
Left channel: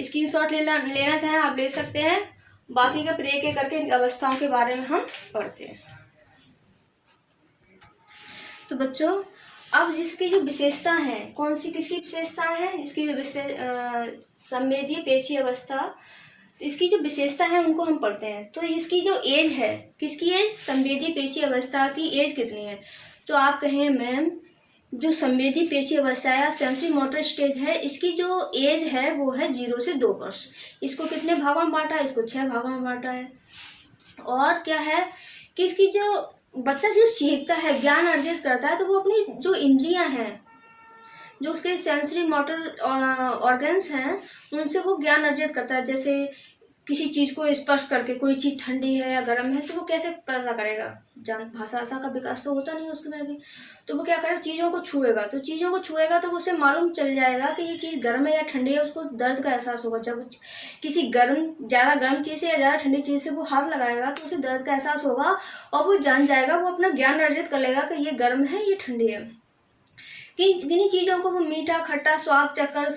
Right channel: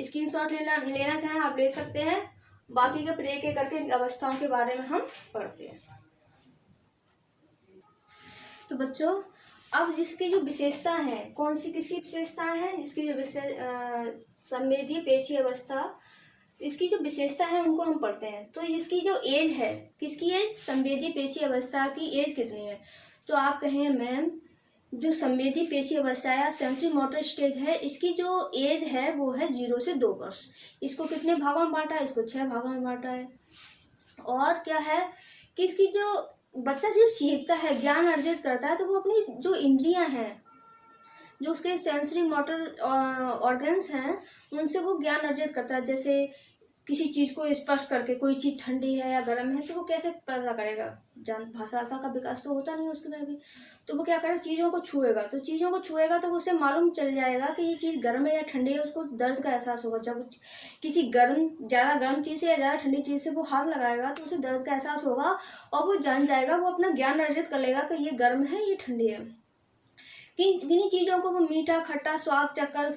स्क्रीनशॉट लेना चाहें आप ले सकते हैं। बाकी का फिर एक एक करके अवस्थाओं के बारे में हम पढ़ते हैं। तो बच्चों, अब जिसकी जो विशेषता है, कौन सी किसकी विशेषता है, इसकी जो संवेदी पेशी अवस्था, इसकी जो विशेषता है उनको हम पढ़ते हैं। तो इसकी जो एज है, किसकी एज, संवेदी पेशी अवस्था की एज कितनी है। तो आप कहें मैम, जो संवेदी पेशी अवस्था या सेंसरी मोटर स्टेज है, इसकी जो एज है वो है 0 से 2 वर्ष। इसको कितने भागों में बांटा है, इसको 6 भागों में बांटा है। और क्या है कि इसकी जो बच्चा जो सीखता है, ज्ञान अर्जित करता है, तो वो अपनी जो इंद्रियां हैं, जो उसके सेंसरी मोटर ऑर्गन्स हैं, उनसे वो ज्ञान अर्जित करता है। जैसे किसी चीज़ को स्पर्श करके, कोई चीज़ ठंडी है या गर्म है तो वो कैसे पता करेगा? भाषा आशा का विकास तो होता नहीं उसमें अभी। तो वो क्या करेगा, चीज़ों को छुएगा, तो चीज़ों को छुएगा तो उसे मालूम चल जाएगा कि ये चीज़ गर्म है या ठंडी है, उसको दर्द का एहसास होगा। जब किसी ज़्यादा गर्म चीज़ से या ज़्यादा ठंडी चीज़ से वो हाथ लगाएगा तो उसे दर्द का एहसास होगा और वो जान जाएगा, वो अपना ज्ञान अर्जित कर लेगा कि ये गर्म है, ये ठंडी है। किन्हीं चीज़ों को वो मीठा खट्टा स्वाद चखकर,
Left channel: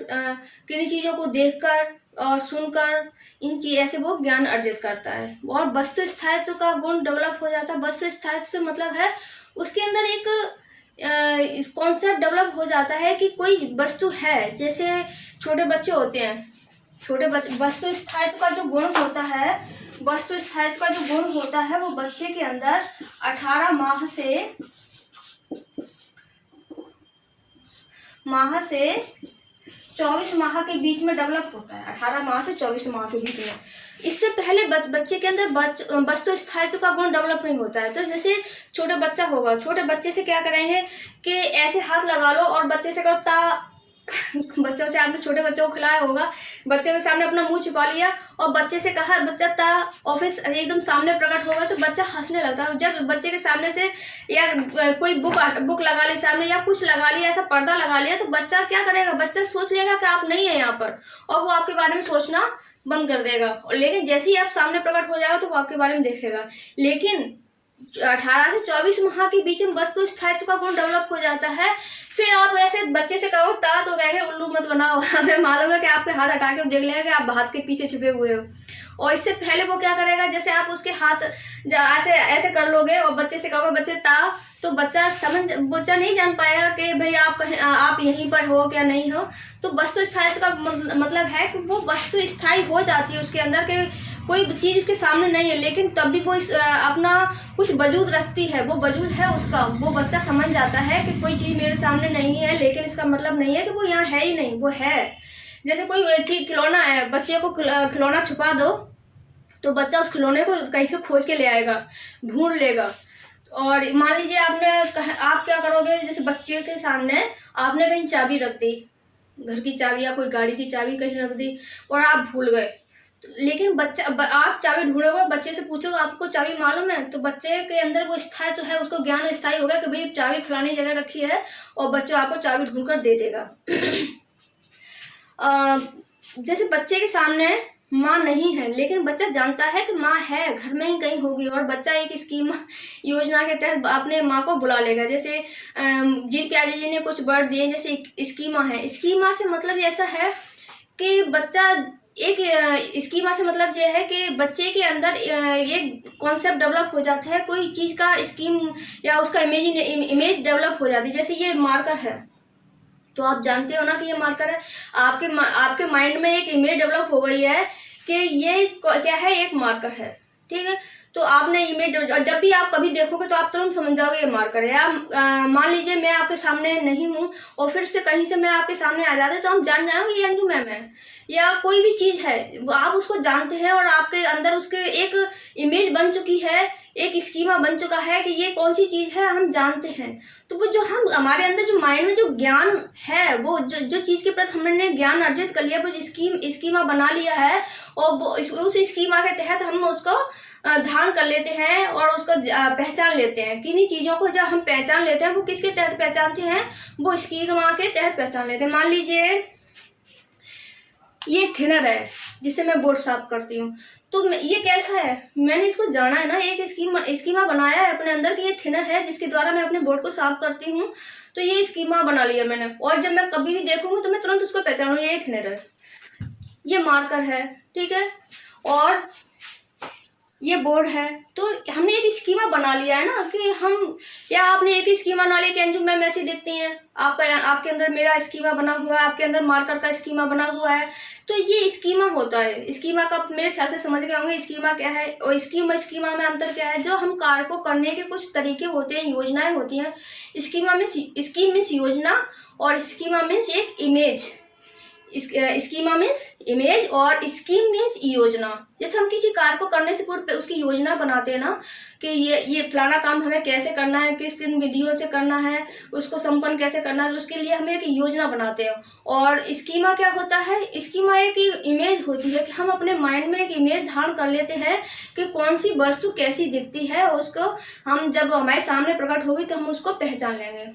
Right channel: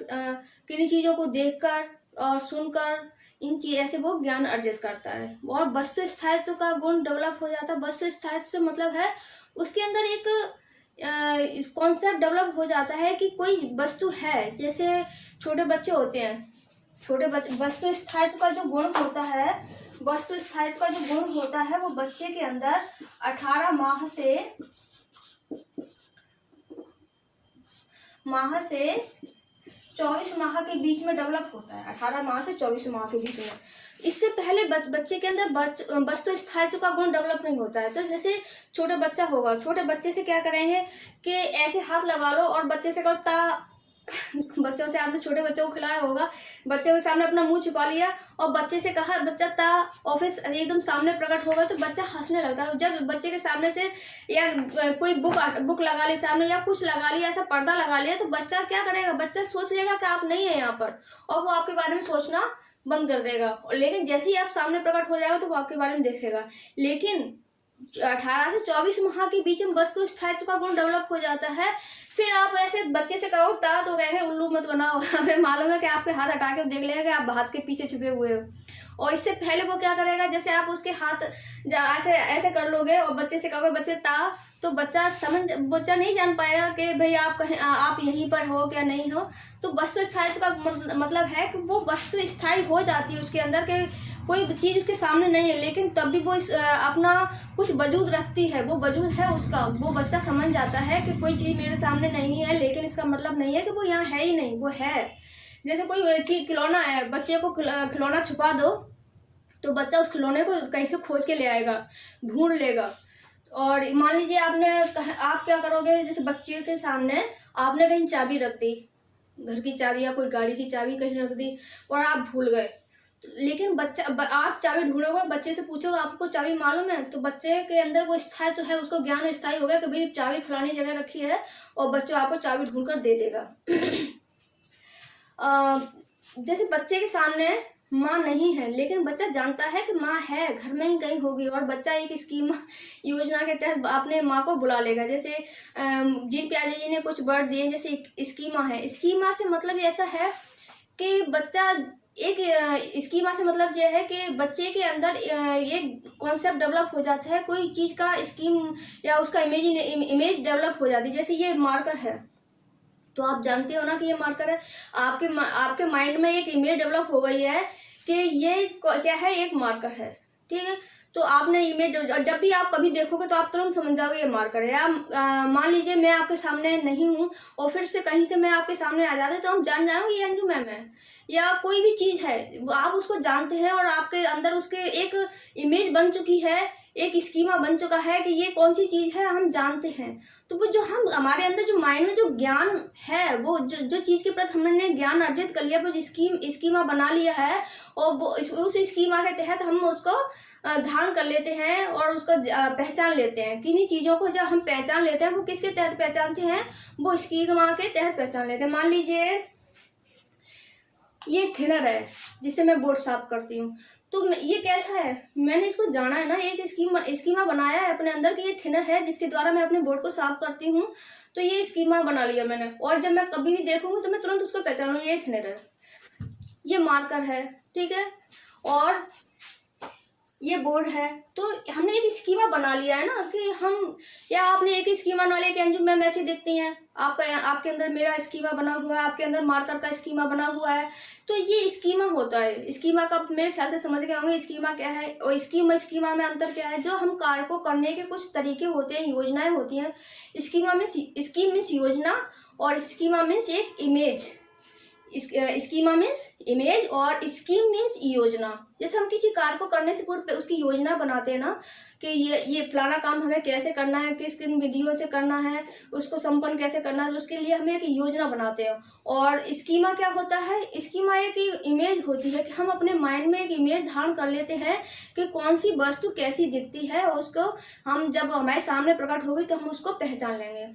किन्हीं चीज़ों को देखकर और सुनकर, इन चीज़ ऐसे वो ज्ञान अर्जित करता है। और वस्तु स्थायित्व का गुण डेवलप हो जाता है। वस्तु स्थायित्व से मतलब है उसके अंदर एक कॉन्सेप्ट डेवलप हो जाता है कि कोई वस्तु है। जैसे छोटे बच्चे होते हैं, वस्तु स्थायित्व का जो गुण होता है, वस्तु स्थायित्व का जो गुण होता है वो बच्चे के अंदर 18 माह से 24 माह के बीच में डेवलप होता है। 18 माह से 24 माह के बीच में। इससे पहले बच्चे के अंदर वस्तु स्थायित्व का गुण डेवलप नहीं होता है। तो जैसे छोटा बच्चा होगा, छोटे बच्चे से क्या करेंगे कि ऐसे हाथ लगा लो और बच्चे से करो ता। बच्चों से आपने छोटे बच्चों को खिलाया होगा, बच्चे के सामने अपना मुंह छिपा लिया और बच्चे से कहा बच्चा ता, ऑफिस एकदम सामने प्रकट होगा तो बच्चा हंसने लगता है। जब बच्चे के सामने से या कोई बुक लगा ली सामने या कुछ लगा लिया, ऐसा पर्दा लगा लिया, तो बच्चा क्या करेगा, बच्चा सोच लेगा कि आप नहीं है यहाँ पर और वो आपके बारे में सोचना बंद कर देगा। लेकिन जैसे ही आप सामने प्रकट हो जाएगा तो वो आपके बारे में देखेगा। लेकिन 18 से 24 माह के बीच में वस्तु स्थायित्व का गुण डेवलप हो जाता है। फिर आप ऐसे बच्चे से कहो ता तो कहेंगे उल्लू मत बनाओ। हमें मालूम है कि आपके हाथ हटा के देख लेगा कि आप हाथ के पीछे छिपे हुए हो। और इससे पहले वो क्या करेगा, जैसे आप उसके हाथ ऐसे ऐसे कर लोगे और बच्चे से कहोगे बच्चे ता, तो बच्चा नहीं जान पाएगा कि भाई आप यहीं पर हो क्या नहीं हो। तो वस्तु स्थायित्व का मतलब है कि वो वस्तु स्थायी हो जाती है उसके अंदर, के कोई चीज़ उसके सामने नहीं है लेकिन तब भी वो अपना कुछ वजूद रखती है, वो वजूद है उसका। वो बच्चा समझ जाता है कि कोई चीज़ मेरे सामने नहीं है लेकिन इसका मतलब नहीं है कि वो यहाँ है ही नहीं, वो है। जैसे कोई चीज़ खिलौना है, बच्चे को खिलौना छुपा दो तो बच्चा उस खिलौने को कहीं से खोज के ले आएगा, ढूंढ लेगा। और मान लीजिए आप क्या करोगे, जैसे बच्चे के सामने आपने कहीं चाबी रख दी, घर की चाबी या कोई गाड़ी की चाबी कहीं रख दी और आप भूल गए। लेकिन आप चाबी ढूंढोगे, बच्चे से पूछोगे आपको चाबी मालूम है, तो बच्चे के अंदर वो स्थायी तो है, उसको ज्ञान स्थायी होगा कि भाई चाबी फलानी जगह रखी है और बच्चा आपको चाबी ढूंढ कर दे देगा। जैसे बच्चे के सामने माँ नहीं है लेकिन बच्चा जानता है कि माँ है, घर में ही कहीं होगी, और बच्चा एक स्कीम योजना के तहत अपने माँ को बुला लेगा। जैसे जीन प्याजे जी ने कुछ वर्ड दिए, जैसे स्कीमा है। स्कीमा से मतलब ऐसा है कि बच्चा एक स्कीमा से मतलब ये है कि बच्चे के अंदर एक कॉन्सेप्ट डेवलप हो जाता है, कोई चीज़ का स्कीम या उसका इमेज डेवलप हो जाती है। जैसे ये मार्कर है तो आप जानते हो ना कि ये मार्कर है, आपके माइंड में एक इमेज डेवलप हो गई है कि ये क्या है, एक मार्कर है, ठीक है। तो आपने इमेज, जब भी आप कभी देखोगे तो आप तुरंत समझ जाओगे ये मार्कर है। आप मान लीजिए मैं आपके सामने नहीं हूँ और फिर से कहीं से मैं आपके सामने आ जाते तो हम जान जाओगे ये अंजू मैम है, या कोई भी चीज़ है आप उसको जानते हैं और आपके अंदर उसके एक इमेज बन चुकी है, एक स्कीमा बन चुका है कि ये कौन सी चीज़ है, हम जानते हैं। तो वो जो हमारे अंदर जो माइंड में जो ज्ञान है, वो जो चीज़ के प्रति हमने ज्ञान अर्जित कर लिया, वो स्कीमा बना लिया है और वो उस स्कीमा के तहत हम उसको धारण कर लेते हैं और उसको पहचान लेते हैं। किन्हीं चीज़ों को जब हम पहचान लेते हैं वो किसके तहत पहचानते हैं, वो स्कीमा के तहत पहचान लेते हैं। मान लीजिए ये थिनर है जिससे मैं बोर्ड साफ करती हूँ, तो ये कैसा है, मैंने इसको जाना है ना, एक स्कीमा बनाया है अपने अंदर कि ये थिनर है जिसके द्वारा मैं अपने बोर्ड को साफ करती हूँ, तो ये स्कीमा बना लिया मैंने। और जब मैं कभी भी देखूंगी तो मैं तुरंत उसको पहचानूंगी ये थिनर है, ये मार्कर है, ठीक है, और ये बोर्ड है। तो हमने एक स्कीमा बना लिया है ना कि हम, या आपने एक स्कीमा बना लिया कि अंजू मैम ऐसी दिखती हैं, आपके अंदर मेरा स्कीमा बना हुआ है, आपके अंदर मार्कर का स्कीमा बना हुआ है। तो ये स्कीमा होता है। स्कीमा का मेरे ख्याल से समझ गए होंगे स्कीमा क्या है और स्कीमा में अंतर क्या है। जो हम कार्य को करने के कुछ तरीके होते हैं, योजनाएं होती हैं। स्कीम मीन्स योजना और स्कीमा मीन्स एक इमेज। स्कीमा मीन्स इमेज और स्कीम मीन्स योजना। जैसे हम किसी कार्य को करने से पूर्व उसकी योजना बनाते हैं ना, कि ये फलाना काम हमें कैसे करना है, किस किन विधियों से करना है, उसको संपन्न कैसे करना है, तो उसके लिए हम एक योजना बनाते हैं। और स्कीमा क्या होता है? स्कीमा एक इमेज होती है कि हम अपने माइंड में एक इमेज धारण कर लेते हैं कि कौन सी वस्तु कैसी दिखती है, और उसको हम जब हमारे सामने प्रकट होगी तो हम उसको पहचान लेंगे।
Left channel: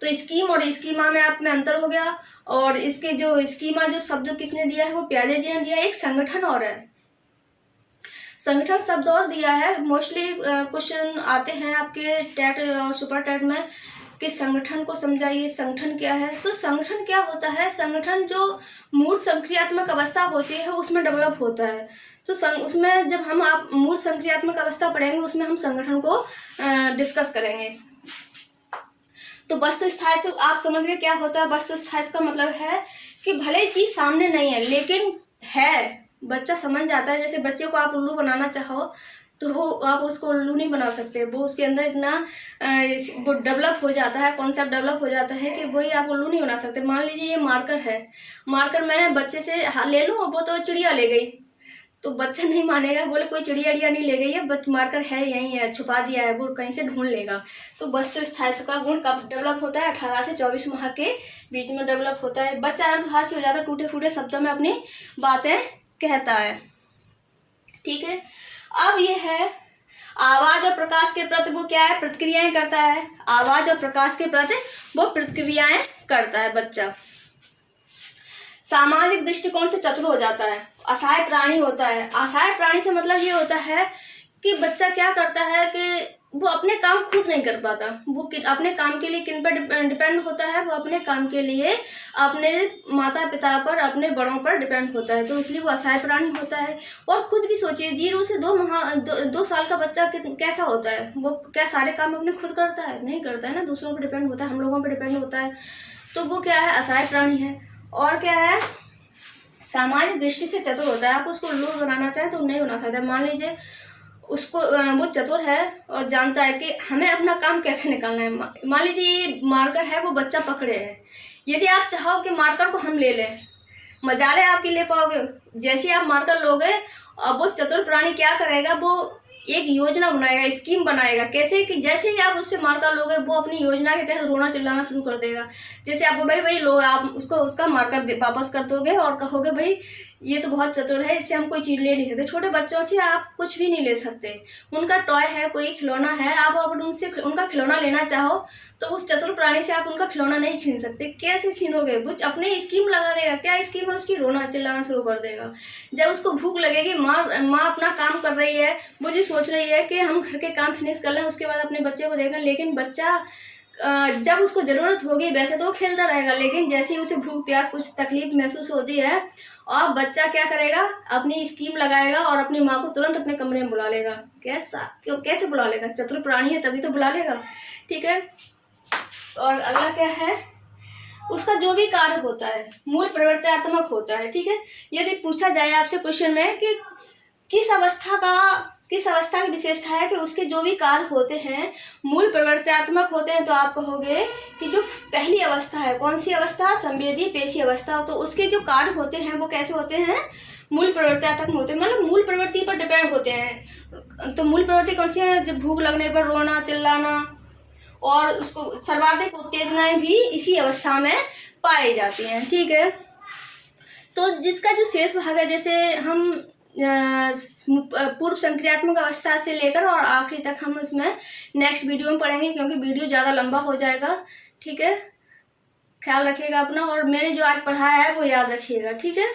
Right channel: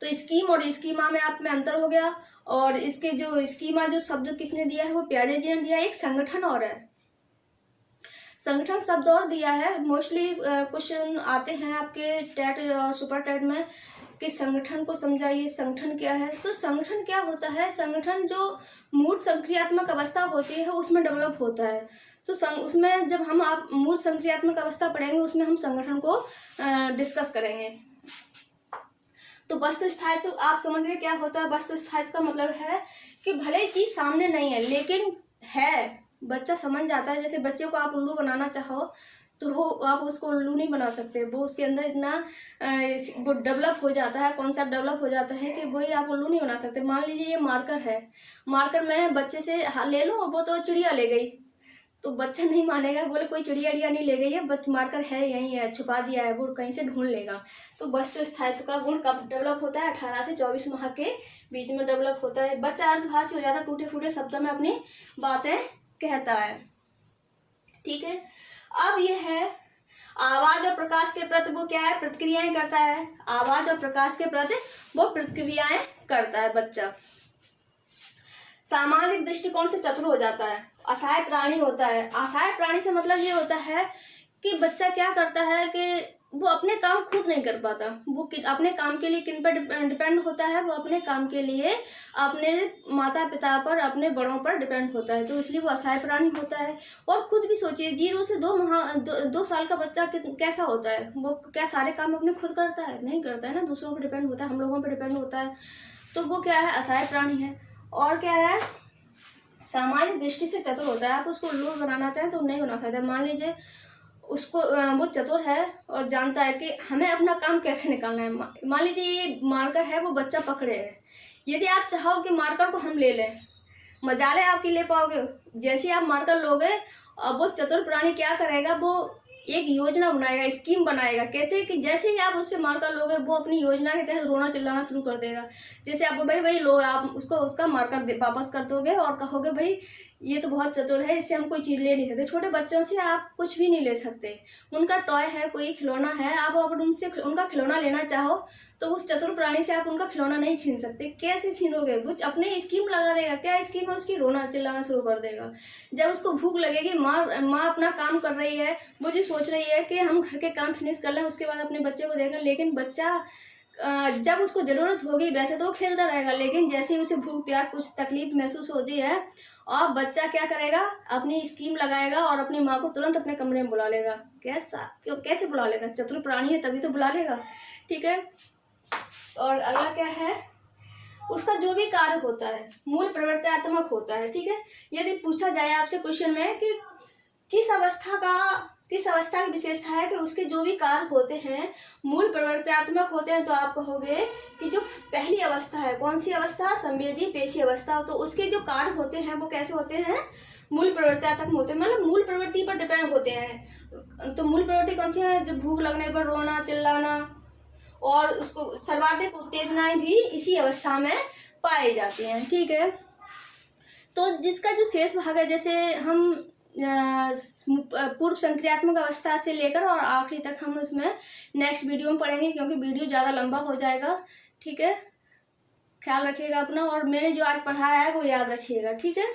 तो स्कीम और स्कीमा में आप में अंतर हो गया। और इसके जो स्कीमा जो शब्द किसने दिया है, वो प्याजे जी ने दिया। एक संगठन और है, संगठन शब्द और दिया है। मोस्टली क्वेश्चन आते हैं आपके टेट और सुपर टेट में कि संगठन को समझाइए, संगठन क्या है। तो संगठन क्या होता है? संगठन जो मूल संक्रियात्मक अवस्था होती है उसमें डेवलप होता है। तो उसमें जब हम आप मूल संक्रियात्मक अवस्था पढ़ेंगे उसमें हम संगठन को डिस्कस करेंगे। तो वस्तु स्थायित्व आप समझ गए क्या होता है? वस्तु स्थायित्व का मतलब है कि भले चीज सामने नहीं है लेकिन है, बच्चा समझ जाता है। जैसे बच्चे को आप उल्लू बनाना चाहो तो वो आप उसको उल्लू नहीं बना सकते, वो उसके अंदर इतना वो डेवलप हो जाता है, कॉन्सेप्ट डेवलप हो जाता है कि वही आप उल्लू नहीं बना सकते। मान लीजिए ये मार्कर है, मार्कर मैं बच्चे से ले लूँ और वो तो चिड़िया ले गई, तो बच्चा नहीं मानेगा, बोले कोई चिड़िया नहीं ले गई है, बट मार्कर है यहीं है, छुपा दिया है, वो कहीं से ढूंढ लेगा। तो वस्तु स्थायित्व का गुण कब डेवलप होता है? 18 से 24 माह के बीच में डेवलप होता है। बच्चा अर्धभाषी हो जाता है, टूटे फूटे शब्दों में अपनी बातें कहता है। ठीक है, अब ये है आवाज और प्रकाश के प्रति वो क्या है? प्रतिक्रियाएं करता है। आवाज और प्रकाश के प्रति वो प्रतिक्रियाएं करता है बच्चा। सामाजिक दृष्टिकोण से चतुर हो जाता है। असहाय प्राणी होता है। असहाय प्राणी से मतलब ये होता है कि बच्चा क्या करता है कि वो अपने काम खुद नहीं कर पाता, वो अपने काम के लिए किन पर डिपेंड होता है? वो अपने काम के लिए अपने माता पिता पर, अपने बड़ों पर डिपेंड होता है, तो इसलिए वो असहाय प्राणी होता है। और खुद भी सोचिए 0 से 2 साल का बच्चा कैसा होता है? वो क्या सारे काम अपने खुद करता है? नहीं करता है ना, दूसरों पर डिपेंड होता है, हम लोगों पर डिपेंड होता है। तो वो क्या है? असहाय प्राणी है। और क्या है? सामाजिक दृष्टि से चतुर होता है। आप उसको उल्लू बनाना चाहें तो नहीं बना सकते। मान लीजिए उसको वो चतुर है और जानता है कि हमें अपना काम कैसे निकालना है। मान लीजिए ये मार्कर है, वो बच्चा पकड़े है, यदि आप चाहो कि मार्कर को हम ले लें, मजाले आपकी ले पाओगे? जैसे आप मार्कर लोगे और वो चतुर प्राणी क्या करेगा? वो एक योजना बनाएगा, स्कीम बनाएगा। कैसे कि जैसे ही आप उससे मार्कर लोगे वो अपनी योजना के तहत रोना चिल्लाना शुरू कर देगा। जैसे आप भाई लो, आप उसको उसका मार्कर वापस कर दोगे और कहोगे भाई ये तो बहुत चतुर है, इससे हम कोई चीज़ ले नहीं सकते। छोटे बच्चों से आप कुछ भी नहीं ले सकते, उनका टॉय है, कोई खिलौना है, आप अगर उनसे उनका खिलौना लेना चाहो तो उस चतुर प्राणी से आप उनका खिलौना नहीं छीन सकते। कैसे छीनोगे? वो अपने स्कीम लगा देगा। क्या स्कीम है उसकी? रोना चिल्लाना शुरू कर देगा। जब उसको भूख लगेगी, माँ अपना काम कर रही है, वो जो सोच रही है कि हम घर के काम फिनिश कर लें उसके बाद अपने बच्चे को देखें, लेकिन बच्चा जब उसको ज़रूरत होगी वैसे तो वो खेलता रहेगा, लेकिन जैसे ही उसे भूख प्यास कुछ तकलीफ महसूस होती है और बच्चा क्या करेगा? अपनी स्कीम लगाएगा और अपनी माँ को तुरंत अपने कमरे में बुला लेगा। कैसे बुला लेगा? चतुर प्राणी है तभी तो बुला लेगा। ठीक है, और अगला क्या है? उसका जो भी कार्य होता है मूल प्रवृत्त्यात्मक होता है। ठीक है, यदि पूछा जाए आपसे क्वेश्चन में कि किस अवस्था की विशेषता है कि उसके जो भी कार्य होते हैं मूल प्रवृत्त्यात्मक होते हैं, तो आप कहोगे कि जो पहली अवस्था है, कौन सी अवस्था? संवेदी पेशी अवस्था। तो उसके जो कार्य होते हैं वो कैसे होते हैं? मूल प्रवृत्त्यात्मक होते हैं, मतलब मूल प्रवृत्ति पर डिपेंड होते हैं। तो मूल प्रवृत्ति कौन सी है? जब भूख लगने पर रोना चिल्लाना, और उसको सर्वाधिक उत्तेजनाएं भी इसी अवस्था में पाई जाती हैं। ठीक है, तो जिसका जो शेष भाग है, जैसे हम पूर्व संक्रियात्मक अवस्था से लेकर और आखिरी तक हम उसमें नेक्स्ट वीडियो में पढ़ेंगे, क्योंकि वीडियो ज़्यादा लंबा हो जाएगा। ठीक है, ख्याल रखिएगा अपना, और मैंने जो आज पढ़ाया है वो याद रखिएगा। ठीक है।